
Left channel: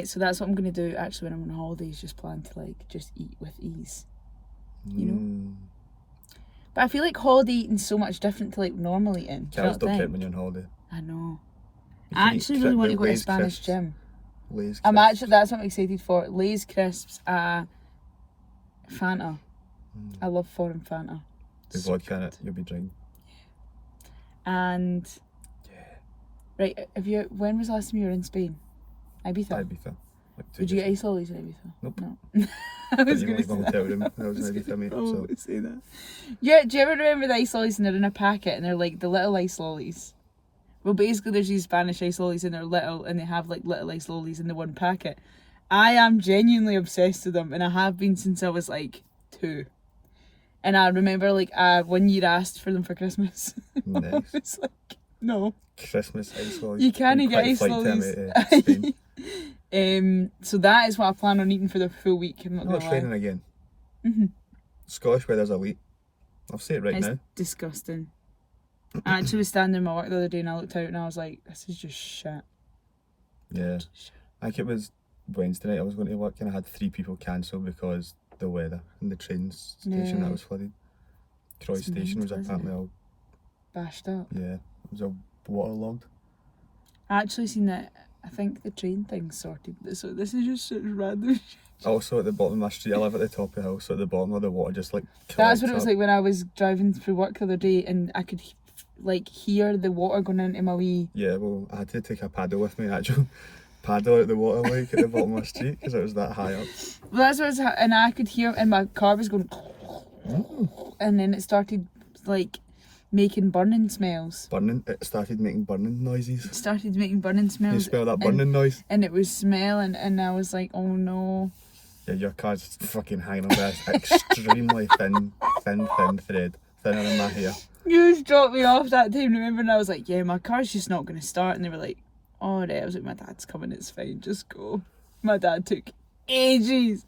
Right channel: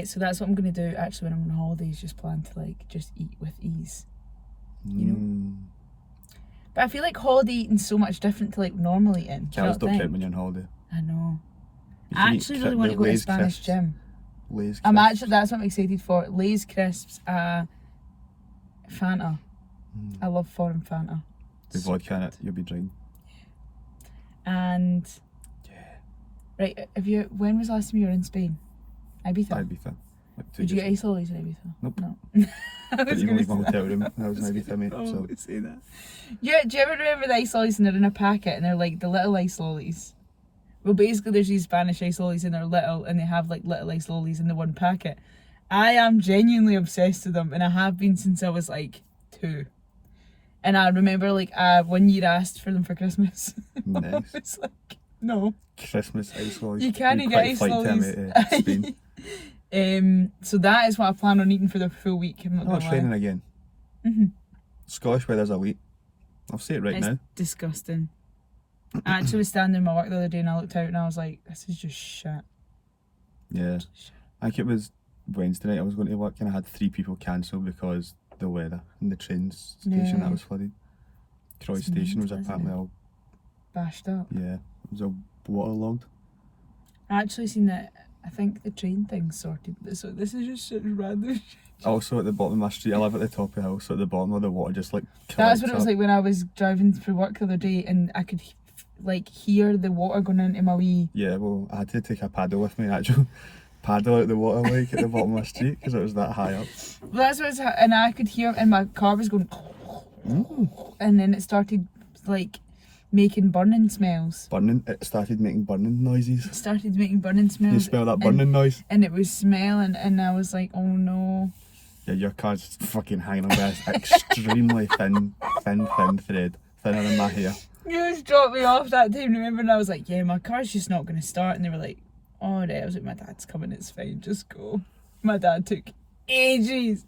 So that's what I'm going to do actually when I'm on holidays, just plan to like just eat with ease, you know. But I feel like holiday eating's so much different to like normal eating. Do you Calories not don't count think? when you're on holiday. I know. You I can eat actually really want to go to a Lay's Spanish crisps. gym. Lay's I'm crisps. actually, that's what I'm excited for. Lay's crisps, Fanta. I love foreign Fanta. With vodka in it, you'll be drinking. And right, when was the last time you were in Spain? Ibiza. Ibiza. Like 2 Did you years get ice lollies in Ibiza? Nope. No. I Didn't was even going leave my to hotel room. I was in Ibiza, mate. Oh, So say that. Yeah, do you ever remember the ice lollies and they're in a packet and they're like the little ice lollies? Well, basically there's these Spanish ice lollies and they're little and they have like little ice lollies in the one packet. I am genuinely obsessed with them and I have been since I was like 2. And I remember like 1 year asked for them for Christmas. nice. I was like, no. Christmas ice lollies. You can't We get quite ice flight to lollies. Spain. So that is what I plan on eating for the full week. I'm not Oh, gonna it's lie. raining again. Scottish weather's elite. I'll say it right It's now. disgusting. I actually was standing in my work the other day and I looked out and I was like, this is just shit. Yeah. I think it was Wednesday night I was going to work and I had 3 people cancel because the weather and the train station that was flooded. Troy It's Station was mental, isn't apparently it? all, Bashed up. yeah, it was all waterlogged. I actually seen that. I think the train thing's sorted. So this is just such random shit. Also at the bottom of my street, I live at the top of the hill, so at the bottom of the water just like That's collects what it was up. like when I was driving through work the other day and I could like hear the water going into my wee. Yeah, well, I had to take a paddle with me, an actual paddle out the water like at the bottom of my street because it was that high up. Well, that's what it was, and I could hear, and my car was going, and then it started like making burning smells. Burning, it started making burning noises. It started making burning smells. You smell that burning noise? And it was smelling, and I was like, oh no. Yeah, your car's fucking hanging on by an extremely thin thread, thinner than my hair. You just dropped me off that time, remember? And I was like, yeah, my car's just not going to start. And they were like, all right. I was like, my dad's coming, it's fine, just go. My dad took ages.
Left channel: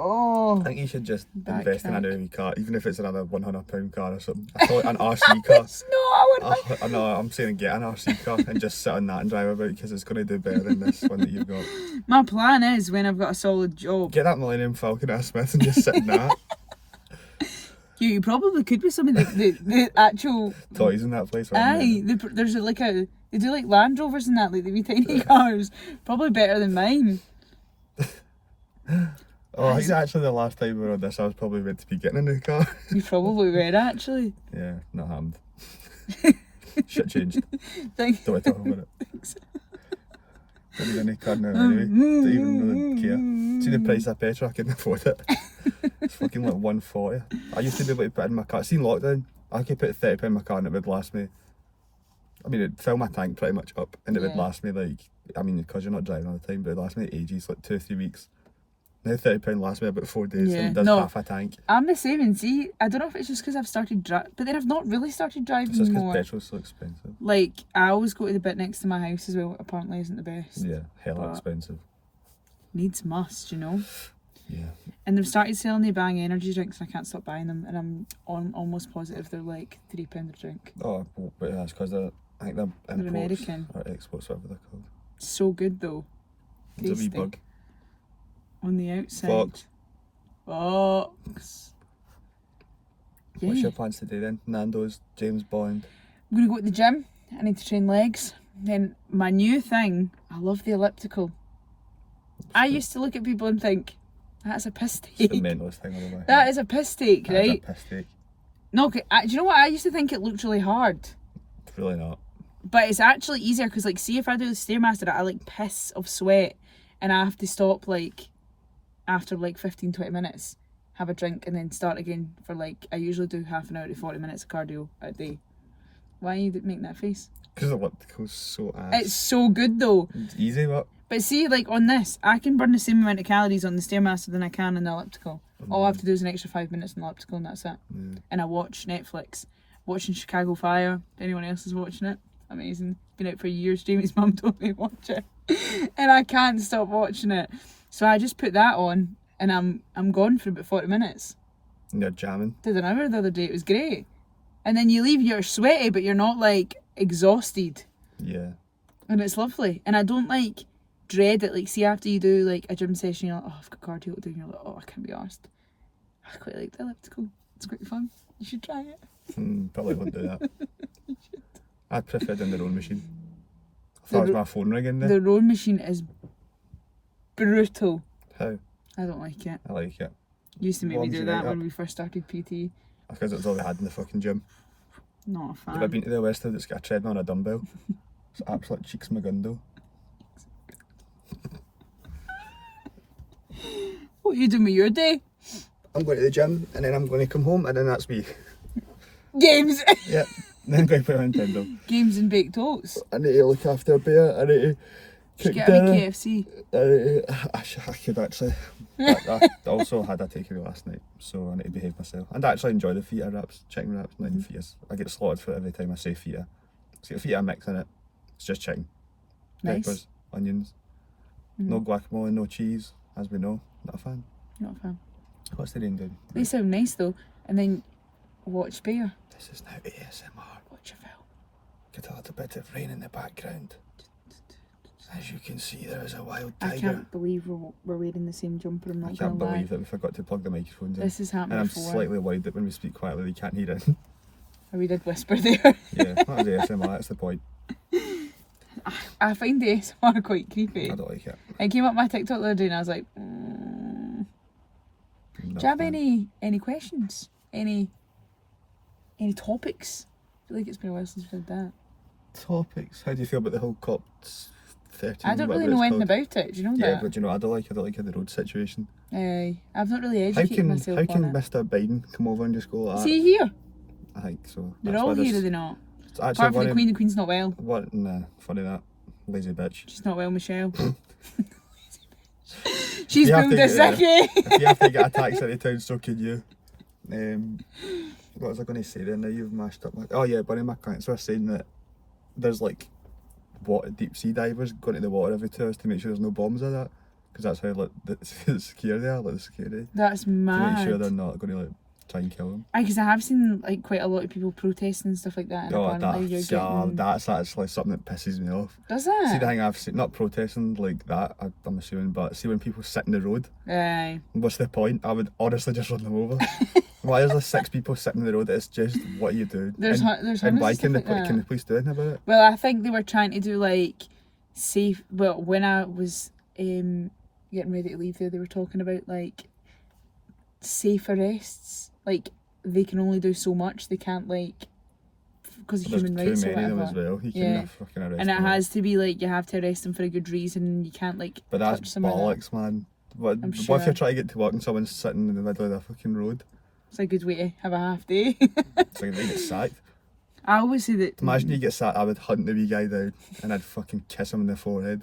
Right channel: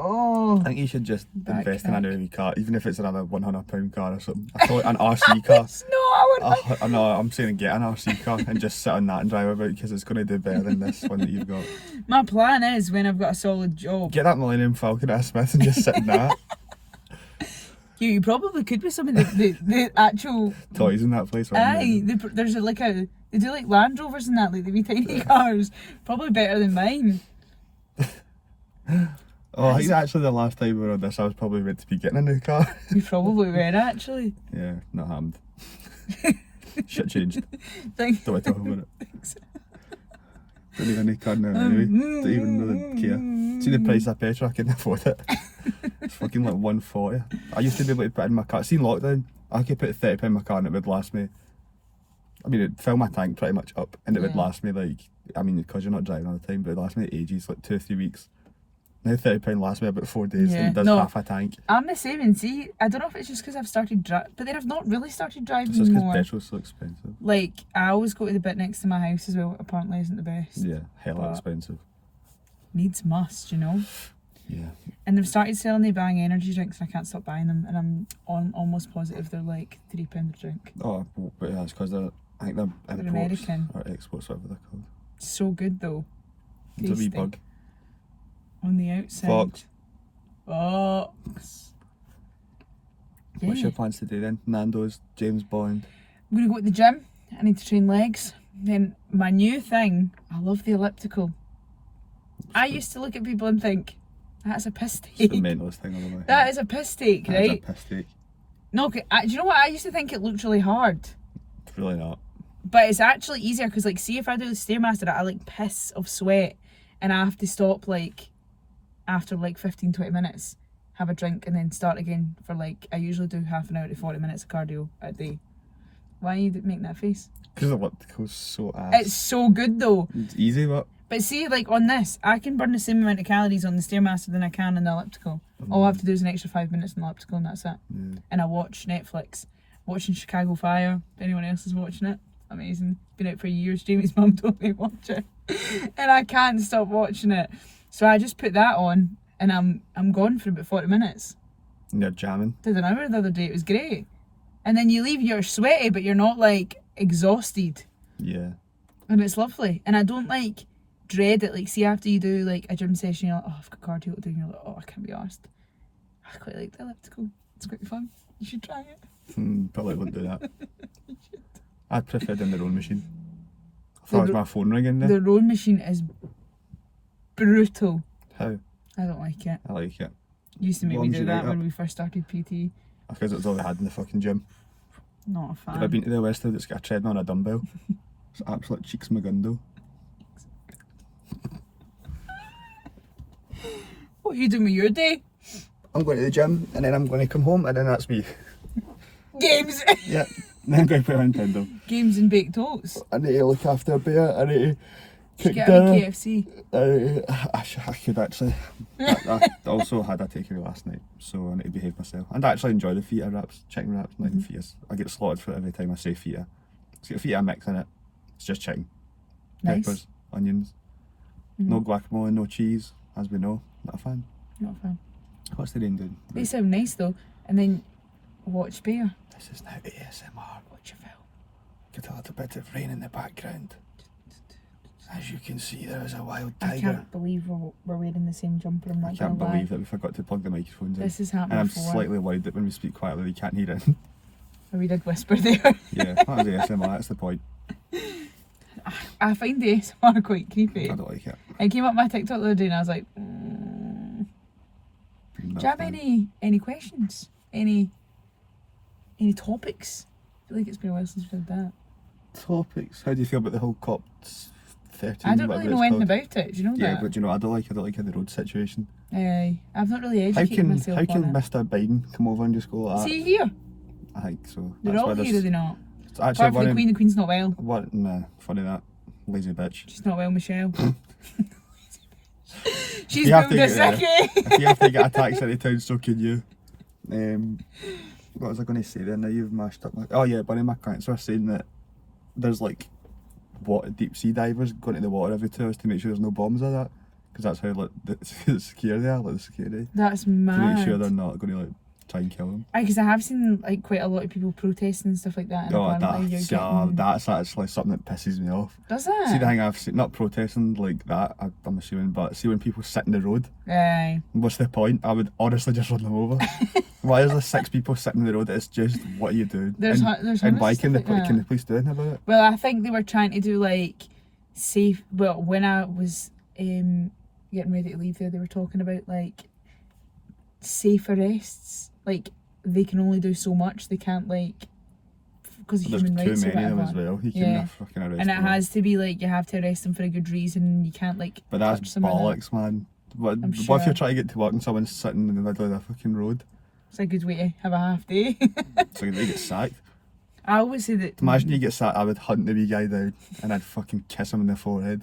Oh. I think you should just Back invest in a crack. new car, even if it's another £100 car or something. I thought an RC car. No, I would. I know, I'm saying get an RC car and just sit on that and drive about because it's going to do better than this one that you've got. My plan is when I've got a solid job. Get that Millennium Falcon at Smith and just sit in that. You probably could with some of the actual Toys in that place. Aye, there's they do like Land Rovers and that, like the wee tiny cars. Probably better than mine. Oh, I think actually the last time we were on this, I was probably meant to be getting a new car. You probably were actually. Yeah, not happened. Shit changed. Thank Don't want to talk about it. Don't need a new car now anyway. Don't even really care. See the price of petrol, I couldn't afford it. It's fucking like 140. I used to be able to put in my car. See in lockdown, I could put £30 in my car and it would last me. I mean, it'd fill my tank pretty much up and it would Yeah. last me like, I mean, because you're not driving all the time, but it'd last me ages, like 2 or 3 weeks. Now £30 lasts me about 4 days Yeah, and it does no. half a tank. I'm the same, and see, I don't know if it's just because I've started driving, but then I've not really started driving It's just because anymore. petrol's so expensive. Like, I always go to the bit next to my house as well, apparently isn't the best. Yeah, hella But- expensive. Needs must, you know. Yeah. And they've started selling the Bang energy drinks and I can't stop buying them, and I'm almost positive they're like £3 a drink. Oh, but that's because I think they're imports American. or exports, whatever they're called. So good though. It's a wee Tasty. bug. On the outside. Fox. Fox. Yeah. What's your plans today then? Nando's, James Bond. I'm gonna go to the gym. I need to train legs. Then my new thing, I love the elliptical. I used to look at people and think, that's a piss It's the take. mentalist thing on the way. That is a piss take, That is right? a piss take. No, do you know what? I used to think it looked really hard. It's really not. But it's actually easier because, like, see if I do the Stairmaster, I like piss of sweat and I have to stop like after like 15-20 minutes, have a drink and then start again for like, I usually do half an hour to 40 minutes of cardio a day. Why are you making that face? Because the elliptical's so ass. It's so good though. It's easy, but But see, like on this, I can burn the same amount of calories on the Stairmaster than I can on the elliptical. All I have to do is an extra 5 minutes on the elliptical and that's it. yeah. And I watch Netflix. Watching Chicago Fire, if anyone else is watching it. Amazing. Been out for years. Jamie's mum told me to watch it. And I can't stop watching it. So I just put that on and I'm gone for about 40 minutes. And you're jamming. Did an hour the other day, it was great. And then you leave, you're sweaty, but you're not like exhausted. Yeah. And it's lovely. And I don't like dread it. Like, see, after you do like a gym session, you're like, oh, I've got cardio to do. And you're like, oh, I can't be arsed. I quite like the elliptical. It's quite fun. You should try it. Probably would do that. You should. I'd prefer doing the rowing machine. I thought it was my phone ringing there. The rowing machine is brutal. How? I don't like it. I like it. Used to make me Warms do you that right when up. we first started PT. Because it was all they had in the fucking gym. Not a fan. Have I been to the Westwood that's got a treadmill and a dumbbell? It's absolute cheeks McGundo. What are you doing with your day? I'm going to the gym and then I'm going to come home and then that's me. Games. Yeah. Then I'm going to play on Nintendo. Games and baked oats. I need to look after a bear. I need to cook Get a dinner. KFC. I could actually. I also had a takeaway last night, so I need to behave myself. And I actually enjoy the feta wraps, chicken wraps, not even fetas. I get slaughtered for it every time I say feta. It's got a feta mix in it. It's just chicken, Nice. peppers, onions, no guacamole, no cheese. As we know, not a fan. Not a fan. What's the rain doing? They sound nice though. And then watch bear. This is now ASMR. Watch a film. Get a little bit of rain in the background. As you can see, there is a wild I tiger. can't believe we're wearing the same jumper. I'm I not can't gonna lie. believe it. We forgot to plug the microphones in. This has happened And I'm before. slightly worried that when we speak quietly, we can't hear it. We did whisper there. Yeah, that was ASMR, that's the point. I find the ASMR quite creepy. I don't like it. I came up my TikTok the other day and I was like, Not do you have any questions? Any topics? I feel like it's been a while since we've done that. topics? How do you feel about the whole COP13? I don't really whatever know it's anything called? about it. Do you know Yeah, that? but do you know what I don't like? I don't like the road situation. I've not really How educated can myself how can on it. Mr. Biden come over and just go like that? See here? I think so. They're That's all why here, are there's- they not? it's actually Apart from one the Queen's not well. What? Nah, funny that. Lazy bitch. She's not well, Michelle. She's You have to boomed a get- sickie. If you have to get a taxi out of town, so can you. What was I going to say then? Now you've mashed up my... Oh yeah, one of my clients were saying that there's like deep sea divers going to the water every 2 hours to make sure there's no bombs or that. Because that's how like secure they are, like the security. That's To mad. make sure they're not going to like try and kill them. Because I have seen like quite a lot of people protesting and stuff like that. And apparently you're getting... that's actually something that pisses me off. Does See it? the thing I've seen, not protesting like that, I'm assuming, but see when people sit in the road, Aye. what's the point? I would honestly just run them over. Why is there 6 people sitting in the road? It's just, what are you doing? There's and why honestly can stuff like can that. the police do anything about it? Well, I think they were trying to do like safe. Well, when I was getting ready to leave there, they were talking about like safe arrests. Like they can only do so much. They can't like because of There's human too rights or many of them whatever. as well. You Yeah. can fucking arrest And it them. has to be like you have to arrest them for a good reason. You can't like But touch that's them or that. bollocks, man. What I'm if sure. you're trying to get to work and someone's sitting in the middle of the fucking road? It's a good way to have a half day. So they get sacked. I always say that. Imagine you get sacked, I would hunt the wee guy down and I'd fucking kiss him in the forehead.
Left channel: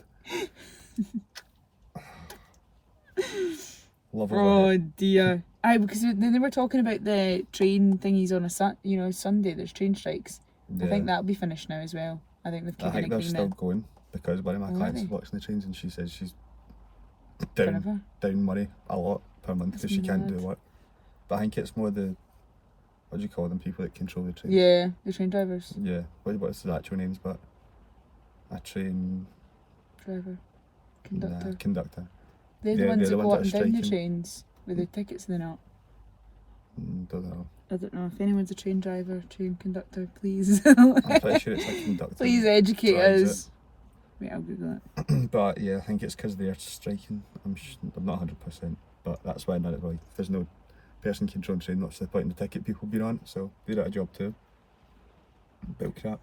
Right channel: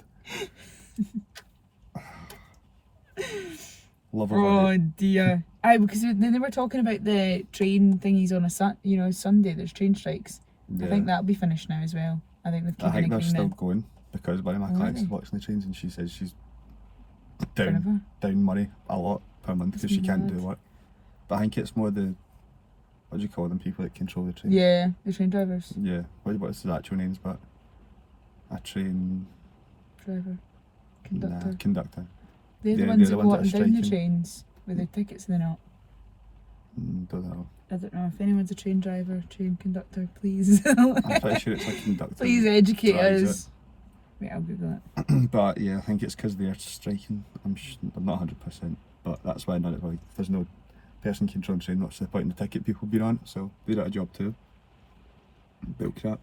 Love of Oh dear. Aye, because then they were talking about the train thingies on a Sunday. There's train strikes. I think that'll be finished now as well. I think they've I think kept they're it still clean going because one of my clients is Really? watching the trains and she says she's down forever. money a lot per month because she can't do mad. work. But I think it's more the, what do you call them, people that control the trains? Yeah, the train drivers. Yeah, what's the actual names, but a train Driver. Conductor. conductor. They're the they're ones the that go ones up and that are down the striking. trains with their tickets, they're not. Don't know. I don't know if anyone's a train driver, train conductor, please. I'm pretty sure it's a conductor. Please educate drives us. Wait, I'll Google it. But yeah, I think it's because they're striking. I'm not 100%, but that's why none of like there's no person controlling train. What's the point in the ticket people being on? So they're at a job too. Bull crap.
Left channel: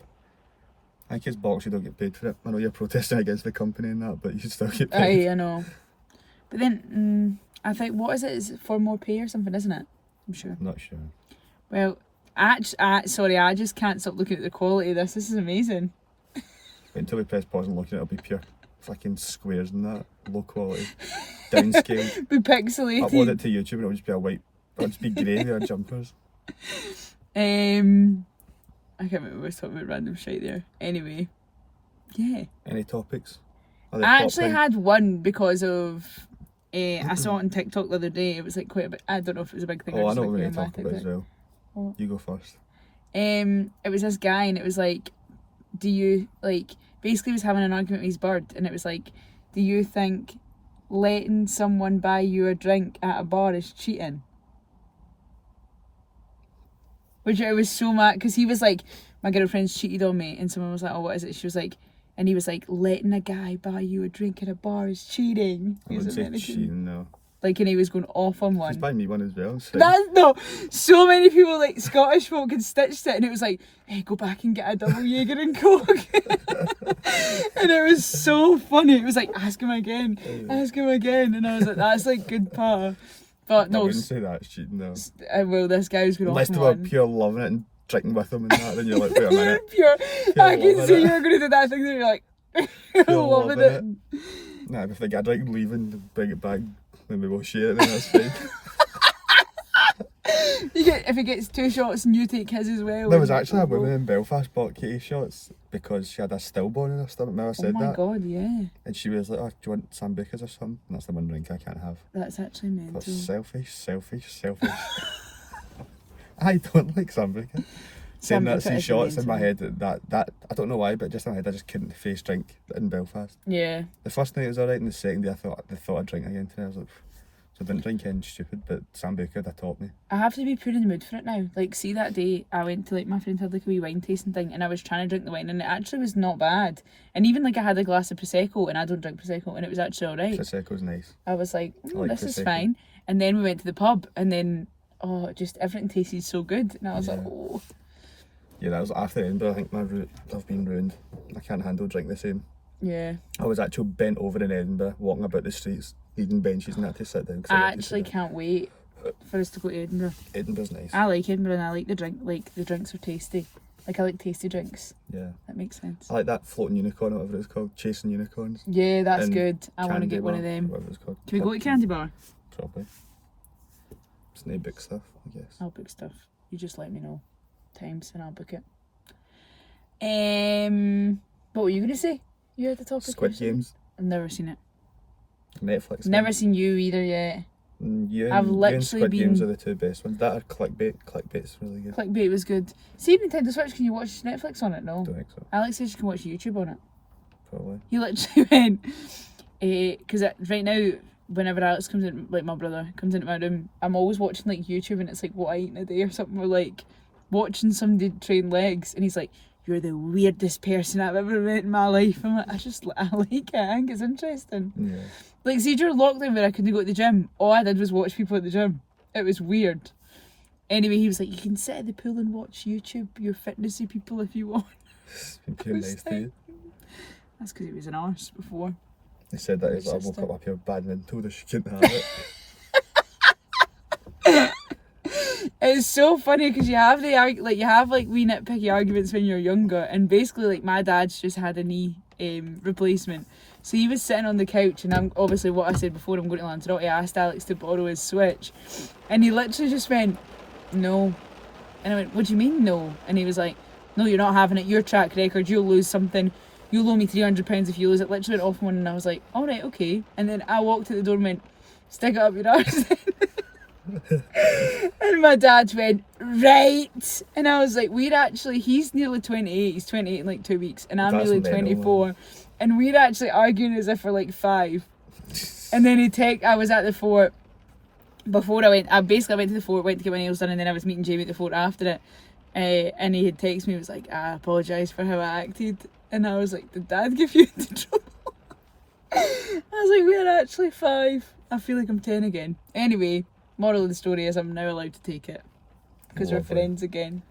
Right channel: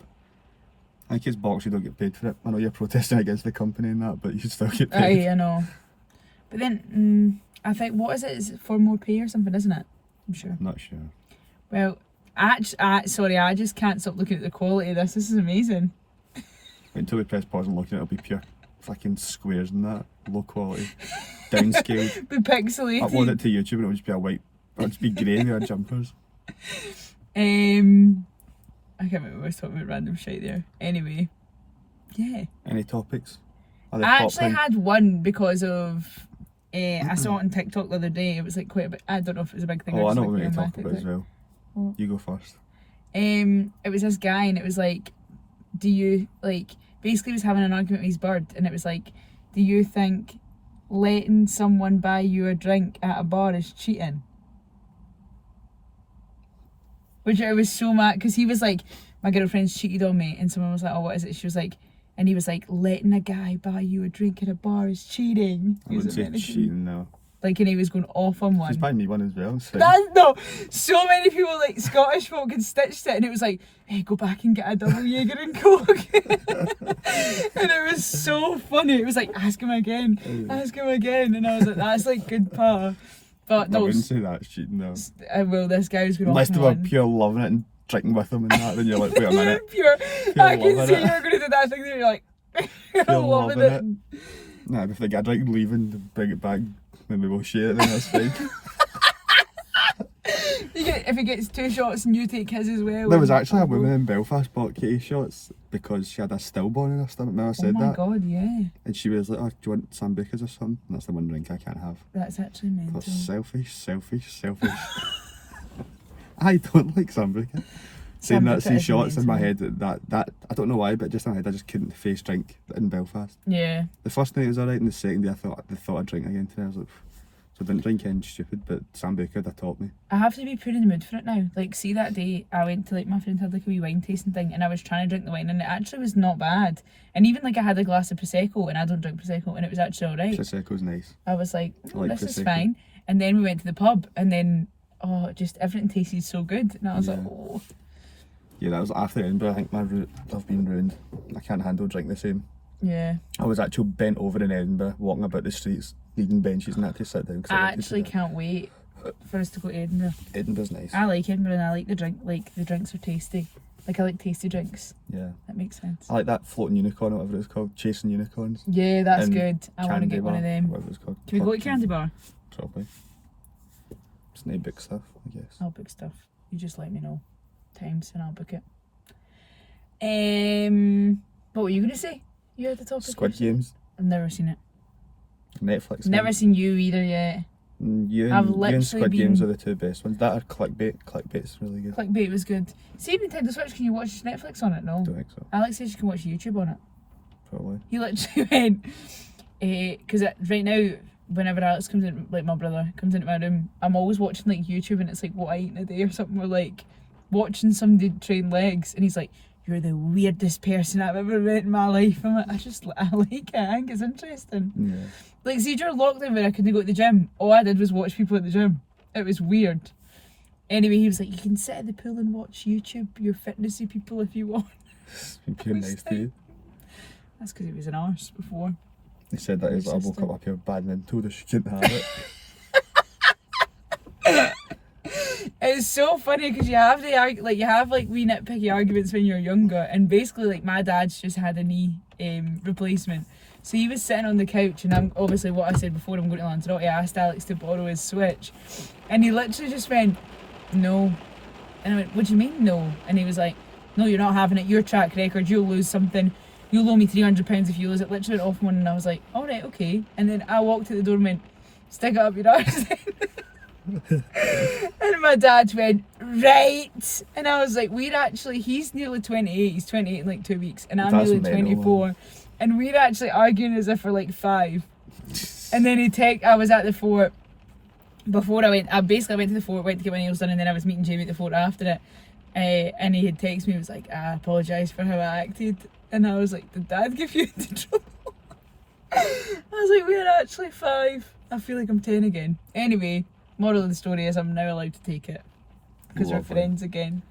I think it's box you don't get paid for it. I know you're protesting against the company and that, but you should still get paid. Aye, I know. But then, I think, what is it? Is it for more pay or something, isn't it? I'm sure. I'm not sure. Well, sorry, I just can't stop looking at the quality of this. This is amazing. Wait until we press pause and look at it, it'll be pure fucking squares and that. Low quality. Downscaled. Be pixelated. Upload it to YouTube and it'll just be a white, it'll just be grey with our jumpers. I can't remember, I was talking about random shit there. Anyway, yeah. Any topics? Are they I actually popping? had one because of, I saw it on TikTok the other day. It was like quite a bit, I don't know if it was a big thing. Oh, or I just know like what we're on going my to talk about as TikTok. well. What? You go first. It was this guy and it was like, do you, like, basically he was having an argument with his bird, and it was like, do you think letting someone buy you a drink at a bar is cheating? Which I was so mad, because he was like, my girlfriend's cheated on me, and someone was like, oh, what is it? She was like, and he was like, letting a guy buy you a drink at a bar is cheating. I wouldn't say cheating, no. Like, and he was going off on one. He's buying me one as well. So. That's no. So many people, like Scottish folk, had stitched it, and it was like, hey, go back and get a double Jaeger and Coke. And it was so funny. It was like, ask him again, and I was like, that's like good power. But no, I wouldn't say that's cheating, though. Well, this guy was going Unless off they on were one. pure loving it and drinking with them and that, then you're like, wait a minute. Pure I can loving see it. you're going to do that thing that you're like, Pure loving loving it. Nah, if they get a drink leaving, bring it back, maybe we'll share it, then that's fine. If he gets 2 shots and you take his as well. There was actually a woman in Belfast bought Katie shots because she had a stillborn in her stomach. Remember I said that? Oh my god, yeah. And she was like, oh, do you want Sambucas or something? And that's the one drink I can't have. That's actually mental. That's selfish. I don't like Sambuca. Saying that, see shots in my head, that I don't know why, but just in my head I just couldn't face drink in Belfast. Yeah. The first night was alright, and the second day I thought I'd drink again today. I was like, so I didn't drink anything stupid, but Sambuca, that taught me. I have to be put in the mood for it now. Like, see that day I went to, like, my friend had like a wee wine tasting thing, and I was trying to drink the wine, and it actually was not bad. And even like I had a glass of Prosecco, and I don't drink Prosecco, and it was actually alright. Prosecco's nice. I was like, like this is Prosecco. fine. And then we went to the pub, and then, just everything tasted so good. And I was like, Yeah. oh. Yeah, that was after Edinburgh. I think I've been ruined. I can't handle drink the same. Yeah. I was actually bent over in Edinburgh, walking about the streets, needing benches and that to sit down. 'Cause I like to sit actually down. can't wait for us to go to Edinburgh. Edinburgh's nice. I like Edinburgh, and I like the drink. Like, the drinks are tasty. Like, I like tasty drinks. Yeah. That makes sense. I like that floating unicorn, or whatever it's called, chasing unicorns. Yeah, that's and good. I want to Candy get one of Bar, them. Whatever it's called. Can we go to Candy Bar? Probably. It's no big stuff, I guess. I'll book stuff. You just let me know times and I'll book it. What were you gonna say? You had the topic. Squid Games, I've never seen it. Netflix. Never seen You either yet. You I've and literally Squid been- Games are the two best ones. That or Clickbait. Clickbait's really good. Clickbait was good. See, Nintendo Switch, can you watch Netflix on it? No. Don't think so. Alex says you can watch YouTube on it. Probably. He literally went, because right now, whenever Alex comes in, like my brother comes into my room, I'm always watching like YouTube, and it's like what I eat in a day or something, or like watching somebody train legs, and he's like, you're the weirdest person I've ever met in my life. I'm like, I like it, I think it's interesting. Yeah. Like, see, during lockdown where I couldn't go to the gym, all I did was watch people at the gym. It was weird. Anyway, he was like, you can sit at the pool and watch YouTube, your fitnessy people if you want. Being nice to you. That's because he was an arse before. He said that he's like, I woke Interesting. up here bad and told her she couldn't have it. It's so funny because you have wee nitpicky arguments when you're younger, and basically like my dad's just had a knee replacement, so he was sitting on the couch, and I'm obviously what I said before, I'm going to Lanzarote. I asked Alex to borrow his Switch, and he literally just went, no. And I went, what do you mean no? And he was like, no, you're not having it, your track record, you'll lose something, you'll owe me £300 if you lose it. Literally went off one, and I was like, alright, okay. And then I walked to the door and went, stick it up your arse. And my dad went, right. And I was like, he's nearly 28, he's 28 in like 2 weeks, and I'm That's nearly mental, 24, and we're actually arguing as if we're like 5. And then I was at the fort before I went to the fort, went to get my nails done, and then I was meeting Jamie at the fort after it, and he had texted me, he was like, I apologise for how I acted, and I was like, did Dad give you into trouble? I was like, we're actually 5. I feel like I'm 10 again. Anyway, moral of the story is I'm now allowed to take it because we're Lovely. friends again.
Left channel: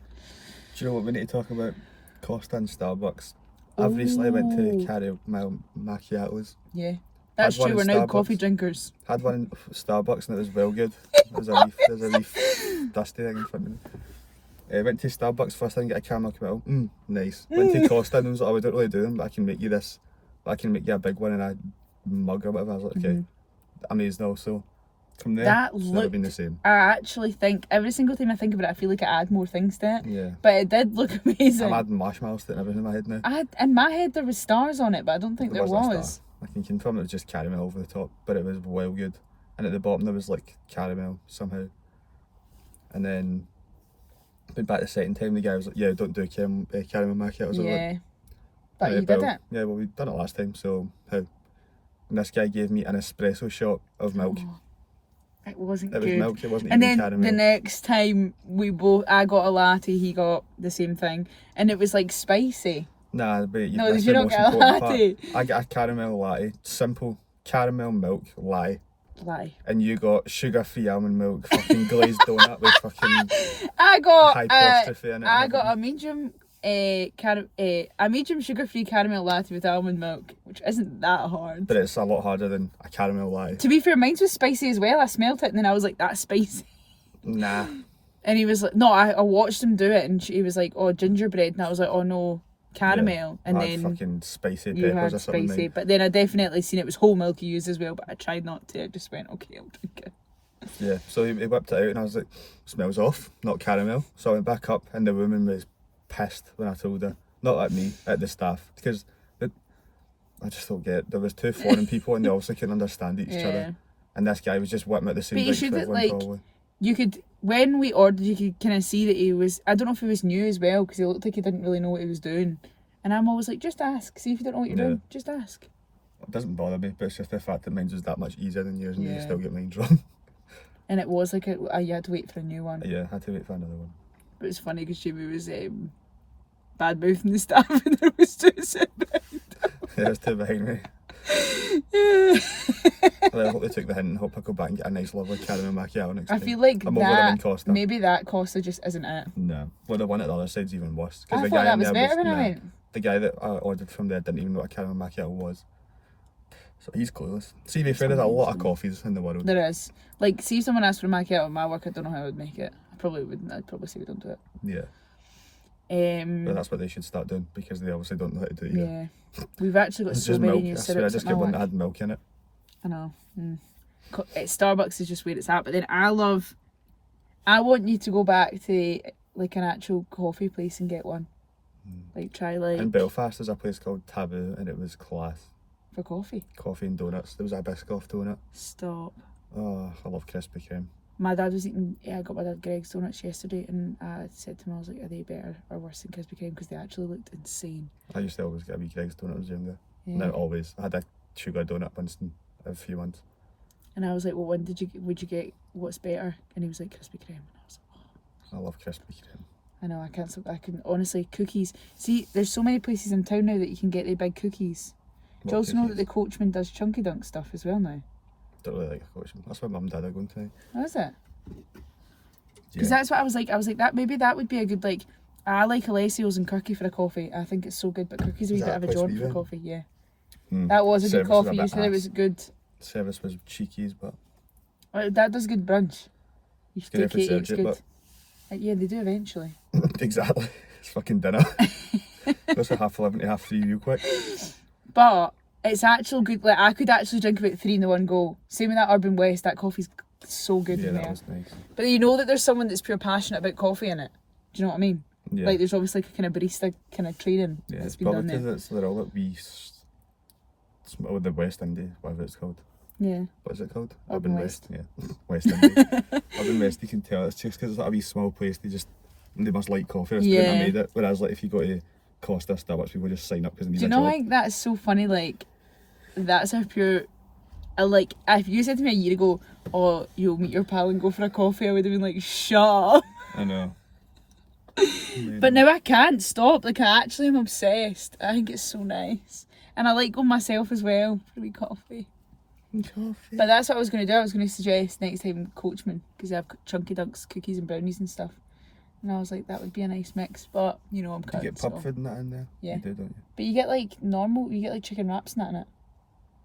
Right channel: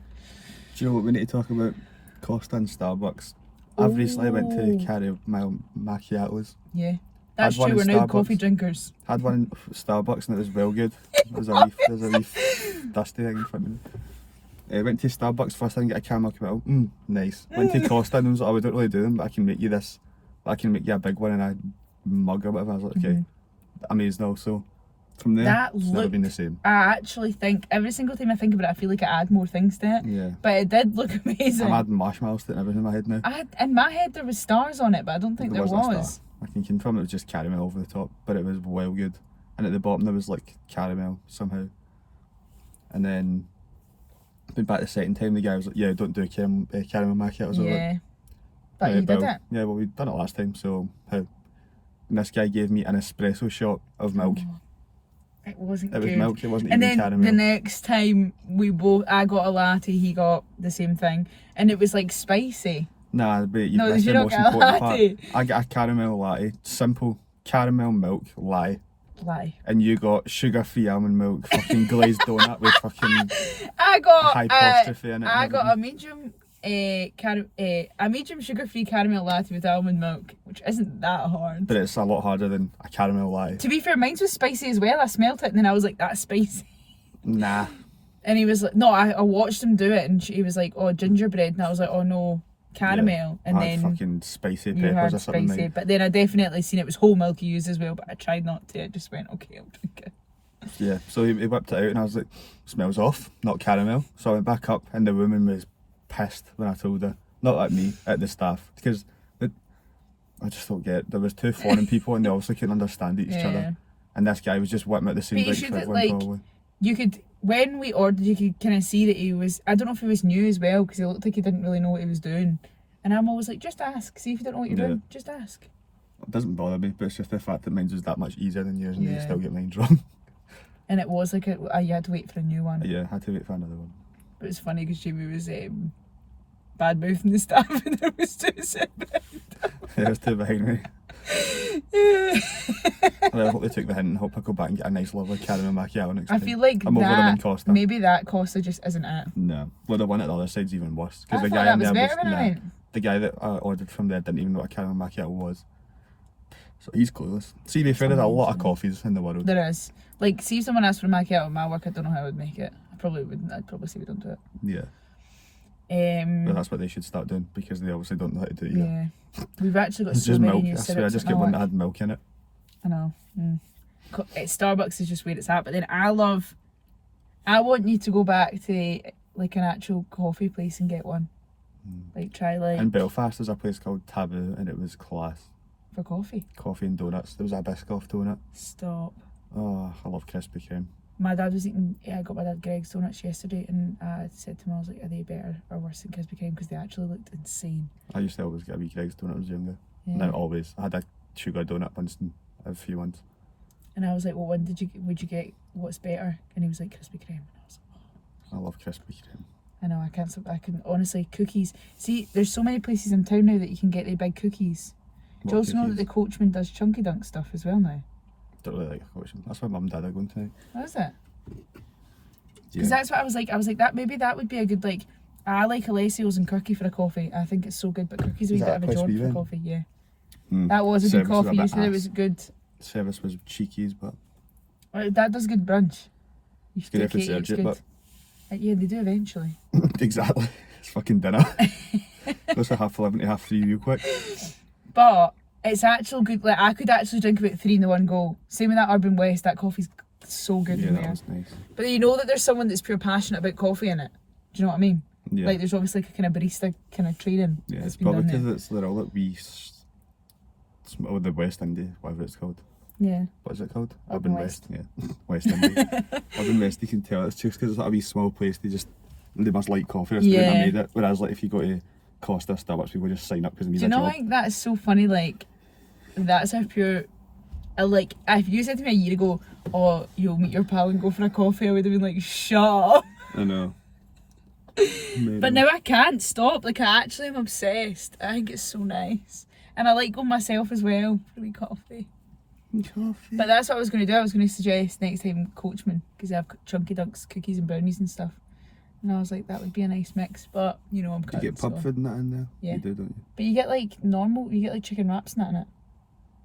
Do you know what we need to talk about? Costa and Starbucks. I've recently went to carry my macchiatos. Yeah, that's Had one true. We're in now Starbucks. coffee drinkers. Had one in Starbucks and it was well good. There's a wee dusty thing in front of me. Went to Starbucks first time, get a caramel committal. Nice. Went to Costa and I was like, oh, we don't really do them, but I can make you this. I can make you a big one in a mug or whatever. I was like, okay. Amazing also. From there, That it's never been the same. I actually think every single time I think of it, I feel like I add more things to it. Yeah. But it did look amazing. I'm adding marshmallows to it and everything in my head now. In my head there was stars on it, but I don't think there wasn't a was. star. I can confirm it was just caramel over the top, but it was well good. And at the bottom there was like caramel somehow. And then went back the second time, the guy was like, yeah, don't do caramel macchiatos. I was Yeah. like, That you did well, it? Yeah, well, we'd done it last time, so how? And this guy gave me an espresso shot of milk. Oh, it wasn't It was good. milk, it wasn't And even then caramel. the next time I got a latte, he got the same thing, and it was like spicy. Nah, but you No, missed you the don't most get a important part. latte. I got a caramel latte, simple caramel milk latte. Lie. And you got sugar-free almond milk, fucking glazed donut with fucking I got apostrophe in it. I and got a medium a medium sugar-free caramel latte with almond milk, which isn't that hard. But it's a lot harder than a caramel latte. To be fair, mine was spicy as well. I smelt it and then I was like, that's spicy. Nah. And he was like, no, I watched him do it, and he was like, oh, gingerbread, and I was like, oh no, caramel. Yeah, and I had then fucking spicy you peppers had or something. spicy, but then I definitely seen it was whole milk you used as well, but I tried not to. I just went, okay, I'll drink it. Yeah, so he whipped it out and I was like, smells off, not caramel. So I went back up and the woman was pissed when I told her. Not at me, at the staff. Because I just don't get it. There was two foreign people and they obviously couldn't understand each other. And this guy was just whipping at the same But you drink should for everyone, like, probably. you could, when we ordered, you could kind of see that he was, I don't know if he was new as well, because he looked like he didn't really know what he was doing. And I'm always like, just ask, see if you don't know what you're doing, just ask. It doesn't bother me, but it's just the fact that mine was that much easier than yours and you Yeah. still get mine wrong. And it was like, you had to wait for a new one. Yeah, I had to wait for another one. But it's funny because Jamie was bad mouthing the staff and there was two sitting Yeah, it was two behind me. Yeah. Well, I hope they took the hint and hope I go back and get a nice lovely caramel macchiato next I time. feel like I'm over them in that, Costa. maybe that Costa just isn't it. No. Well, the one at the other side's even worse. I the thought guy that in was there better when I nah, went. the guy that I ordered from there didn't even know what a caramel macchiato was. So he's clueless. See, to be fair, there's a lot of coffees in the world. There is. Like, see if someone asked for a macchiato at my work, I don't know how I would make it. I probably wouldn't. I'd probably say we don't do it. Yeah. But that's what they should start doing because they obviously don't know how to do it either. Yeah. We've actually got It's so just many milk. new I swear, I syrups just at get my one that work. had milk in it. I know. Starbucks is just where it's at. But then I want you to go back to like an actual coffee place and get one. Like try like In Belfast, there's a place called Taboo and it was class. for coffee. Coffee and donuts. There was a Biscoff donut. Stop. Oh, I love Krispy Kreme. My dad was eating. Yeah, I got my dad Greg's donuts yesterday, and I said to him, I was like, "Are they better or worse than Krispy Kreme? Because they actually looked insane." I used to always get a wee Greg's donut when I was younger. Yeah. Not always. I had a sugar donut once in a few months. And I was like, "Well, would you get what's better?" And he was like, "Krispy Kreme." And I was like, I love Krispy Kreme. I know, I can honestly, cookies. See, there's so many places in town now that you can get the big cookies. Do you also know that the Coachman does Chunky Dunk stuff as well now? Don't really like a Coachman. That's why Mum and Dad are going tonight. What is it? Yeah. Because that's what I was like that maybe that would be a good, like, I like Alessio's and Kirky for a coffee. I think it's so good, but Kirky's a wee bit of a John for a coffee, yeah. That was a good coffee, you said it was good. Service was cheekies, but That does good brunch. You should good take if we it, served it's it, good. but Yeah, they do eventually. exactly. It's fucking dinner. Goes from 11:30 to 3:30 real quick. But it's actual good. Like, I could actually drink about 3 in the one go. Same with that Urban West. That coffee's so good Yeah, in that there. was nice. But you know that there's someone that's pure passionate about coffee in it. Do you know what I mean? Yeah. Like there's obviously like a kind of barista kind of training Yeah, that's it's been probably done there. because they're all at the West Indy, whatever it's called. Yeah. What is it called? Urban West. Yeah, West Indy. Urban West, you can tell it's just because it's like a wee small place. They must like coffee. That's the way Yeah. they made it. Whereas like if you go to Costa, Starbucks, people just sign up because they need Do you a know job. like that's so funny? Like that's how pure. Like if you said to me a year ago, "Oh, you'll meet your pal and go for a coffee," I would have been like, "Shut up." I know. But now I can't stop. Like I actually am obsessed. I think it's so nice, and I like going myself as well for a wee coffee. Coffee. But that's what I was going to do. I was going to suggest next time Coachman because they have Chunky Dunks, cookies and brownies and stuff. And I was like, that would be a nice mix. But you know, I'm You cut. get pub food and that in there. Yeah. You do, don't you? But you get like you get like chicken wraps and that in it.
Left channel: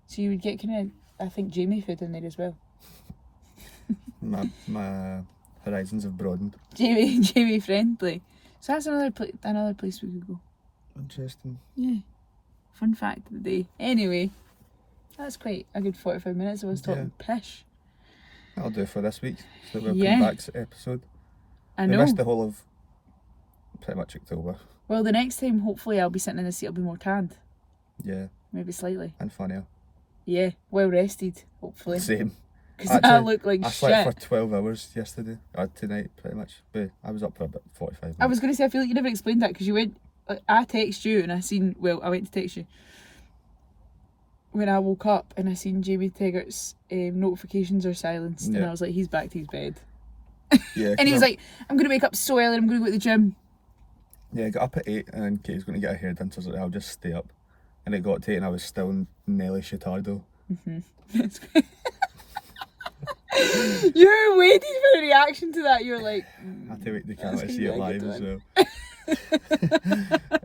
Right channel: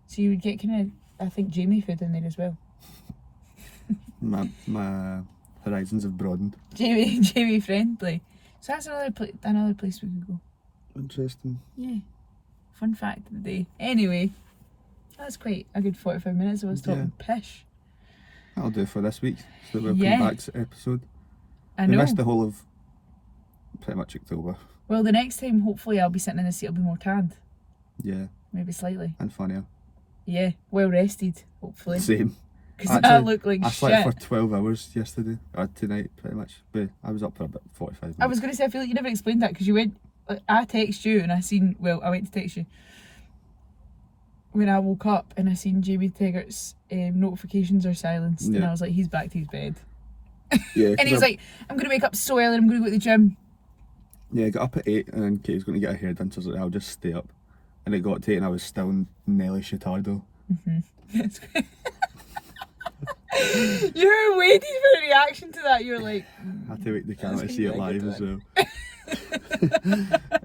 So you would get kind of, I think, Jamie food in there as well. My horizons have broadened. Jamie friendly. So that's another place we could go. Interesting. Yeah. Fun fact of the day. Anyway, that's quite a good 45 minutes. I was talking pish. That'll do for this week. So we'll Yeah. come back to the episode. I We know. missed the whole of pretty much October. Well, the next time, hopefully, I'll be sitting in the seat. I'll be more tanned. Yeah, Maybe slightly. and funnier. Yeah. Well rested, hopefully. Same. Because I look like I shit. slept for 12 hours yesterday, or tonight pretty much, but I was up for about 45 minutes. I was going to say, I feel like you never explained that because you went I text you and I went to text you when I woke up and I seen Jamie Taggart's notifications are silenced, and I was like, he's back to his bed. Yeah. And he was like, I'm going to wake up so early, I'm going to go to the gym. Yeah, I got up at 8 and then Katie's going to get her hair done, so I was like, I'll just stay up. And it got to 8 and I was still in Nelly Chitardo. That's great. You were waiting for a reaction to that. You were like, I had to wait the camera to see it live as well.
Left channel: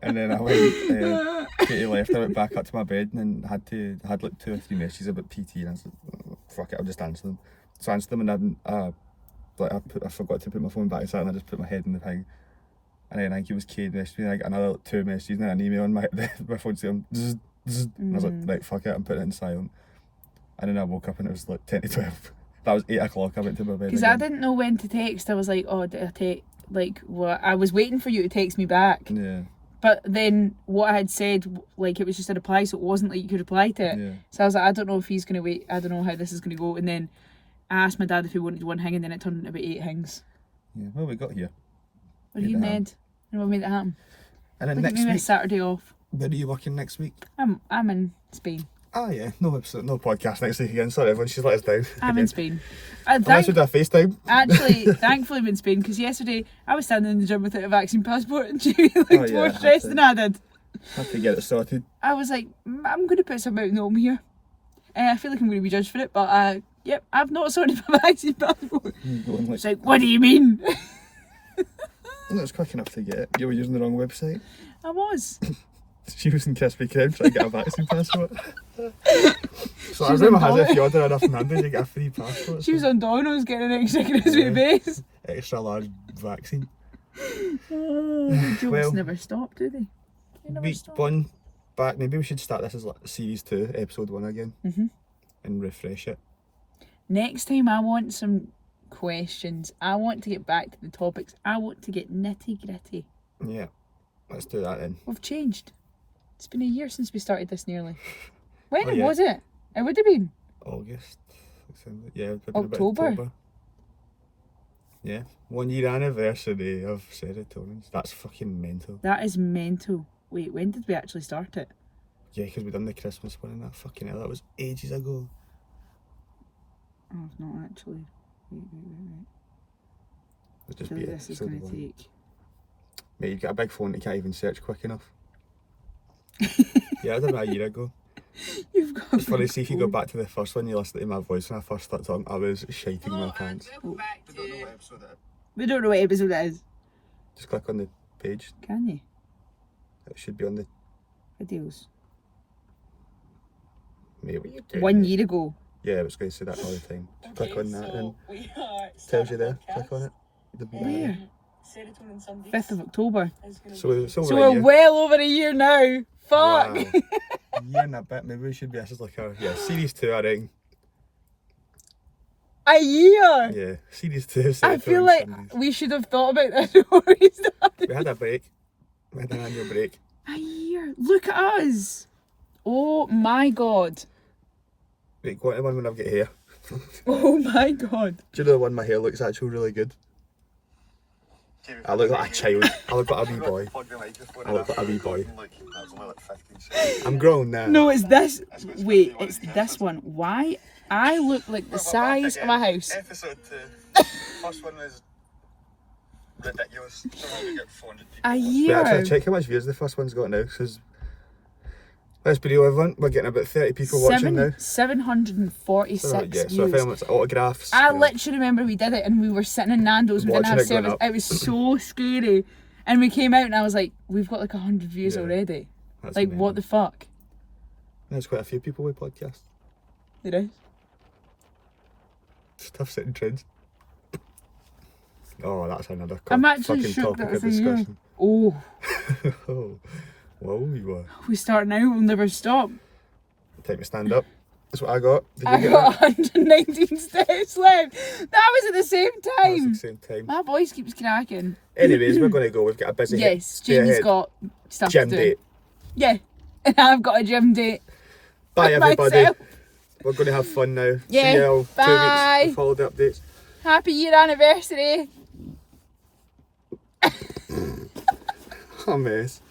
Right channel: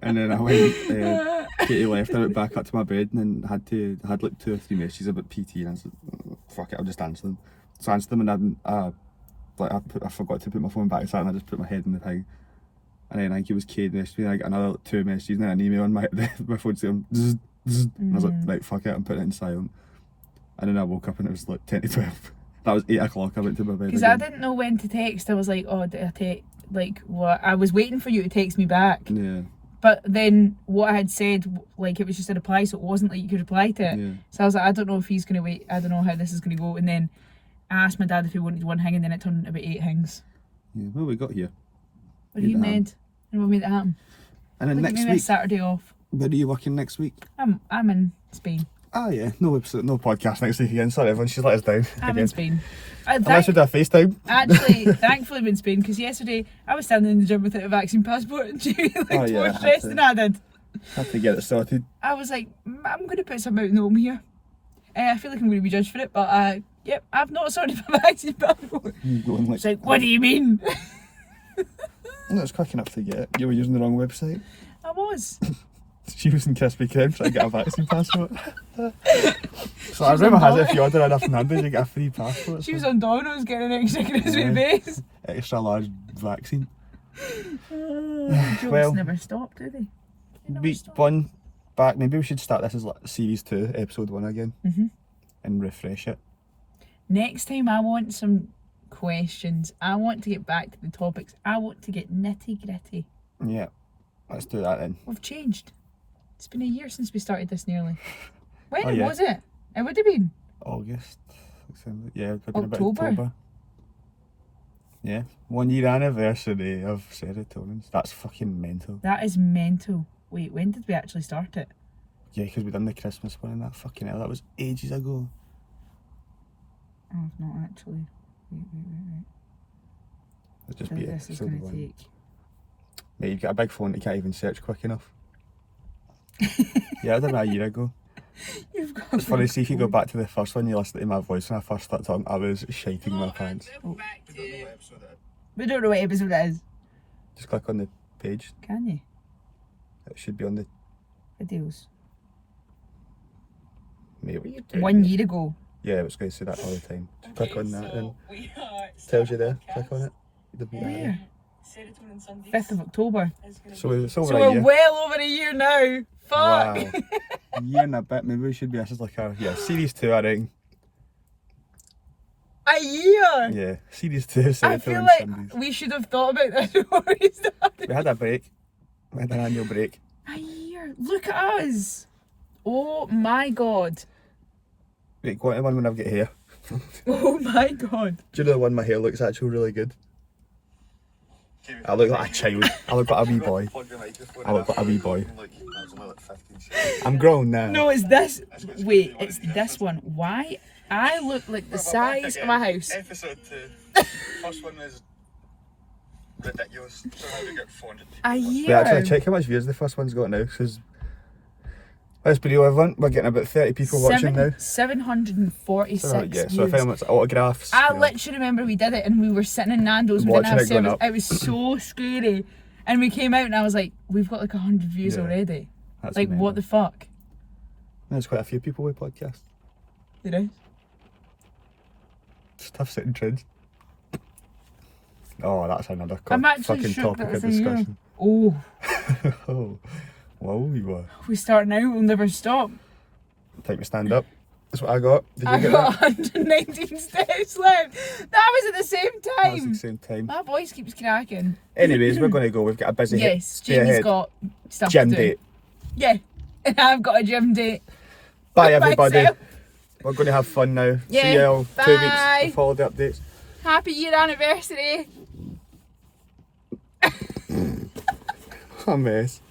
And then I went, Katie left, I went back up to my bed and then had like 2 or 3 messages about PT, and I was like, oh, fuck it, I'll just answer them. So I answered them, and I forgot to put my phone back aside, and I just put my head in the thing. And then I think it was Kate messaged me, and I got another 2 messages, and then an email on my phone saying, zzz, zzz. And I was like, right, fuck it, I'm putting it in silent. And then I woke up and it was like 10 to 12. That was 8 o'clock, I went to my bed. Because I didn't know when to text. I was like, oh, did I text? Like, what? I was waiting for you to text me back. Yeah. But then what I had said, like, it was just a reply, so it wasn't like you could reply to it. Yeah. So I was like, I don't know if he's going to wait. I don't know how this is going to go. And then I asked my dad if he wanted 1 thing, and then it turned into about 8 things. Yeah, well, we got here. What are you, Ned? And what made it happen? And then next maybe week, a Saturday off. where are you working next week? I'm in Spain. Oh yeah, no episode, no podcast next week again. Sorry everyone, she's let us down. I'm in Spain. Unless we do a FaceTime. Actually, thankfully I'm in Spain, because yesterday I was standing in the gym without a vaccine passport and Jamie looked more stressed than I did. Had to get it sorted. I was like, I'm going to put some out in home here. I feel like I'm going to be judged for it, but yep, I've not sorted my vaccine passport. It's like, what do you mean? No, it's quick enough to get it. You were using the wrong website. I was. She was in Krispy Kreme trying to get a vaccine passport. So I remember has if you order enough numbers, you get a free passport. She was on Domino's getting an extra crispy base. Extra large vaccine. Jokes Well, never stop, do they? They never Week stop. 1 back. Maybe we should start this as like series 2, episode 1 again, and refresh it. Next time I want some questions. I want to get back to the topics. I want to get nitty gritty. Yeah, let's do that then. We've changed. It's been a year since we started this nearly. When yeah. was it? It would have been August. Yeah, it would have been October. October. Yeah, 1 year anniversary of Serotonin. That's fucking mental. That is mental. Wait, when did we actually start it? Yeah, because we done the Christmas one and that fucking hell. That was ages ago. Oh, not actually. Wait. It'll just I be think this is episode going to 1. take. Mate, you've got a big phone that you can't even search quick enough. Yeah, I done that a year ago. You've got. It's funny, see if you go back to the first one, you listen to my voice when I first started talking, I was shiting my pants. Oh. We don't know what episode it is. Just click on the page. Can you? It should be on the... Videos. Mate, what are you doing? 1 year ago. Yeah, I was going to say that all the time. Just click on that and tells you there. Click on it. Where? 5th of October. So it's over So a we're year. well over a year now. Fuck. Wow. A year and a bit. Maybe we should be, this is like our, series 2 I think. A year. Yeah, series 2. I feel like we should have thought about this before we started. We had a break. We had an annual break. A year. Look at us. Oh my god. Wait, go on to the one when I've got hair. Oh my god. Do you know the one my hair looks actually really good? I look like a child. I look like a wee boy. I look like a wee boy. I'm grown now. No, it's this. Wait, it's this one. Why? I look like the size of my house. Episode 2. First one is ridiculous. A We're year. actually check how much views the first one's got now, because let's be real, everyone, we're getting about 30 people watching now. 746 So, yeah, so if views. anyone's autographs. I literally remember we did it and we were sitting in Nando's. We didn't Watching have it going service. up. It was so scary. And we came out and I was like, we've got like 100 views Yeah. already. That's Like, mental. what the fuck? There's quite a few people with podcasts. You know? It's tough setting trends. Oh, that's another I'm actually fucking shook topic that of it's a year. discussion. Oh, Oh, whoa, you were. we start now, we'll never stop. Time to stand up. That's what I got. Did you I get got that? 119 steps left. That was at the same That was time. at the same time. My voice keeps cracking. Anyways, we're going to go. We've got a busy Yes, day Jamie's ahead. got stuff Gym to do. date. Yeah, and I've got a gym date. Bye, everybody. Myself. We're going to have fun now. Yeah, See you all 2 bye. weeks of holiday updates. Happy year anniversary. A mess.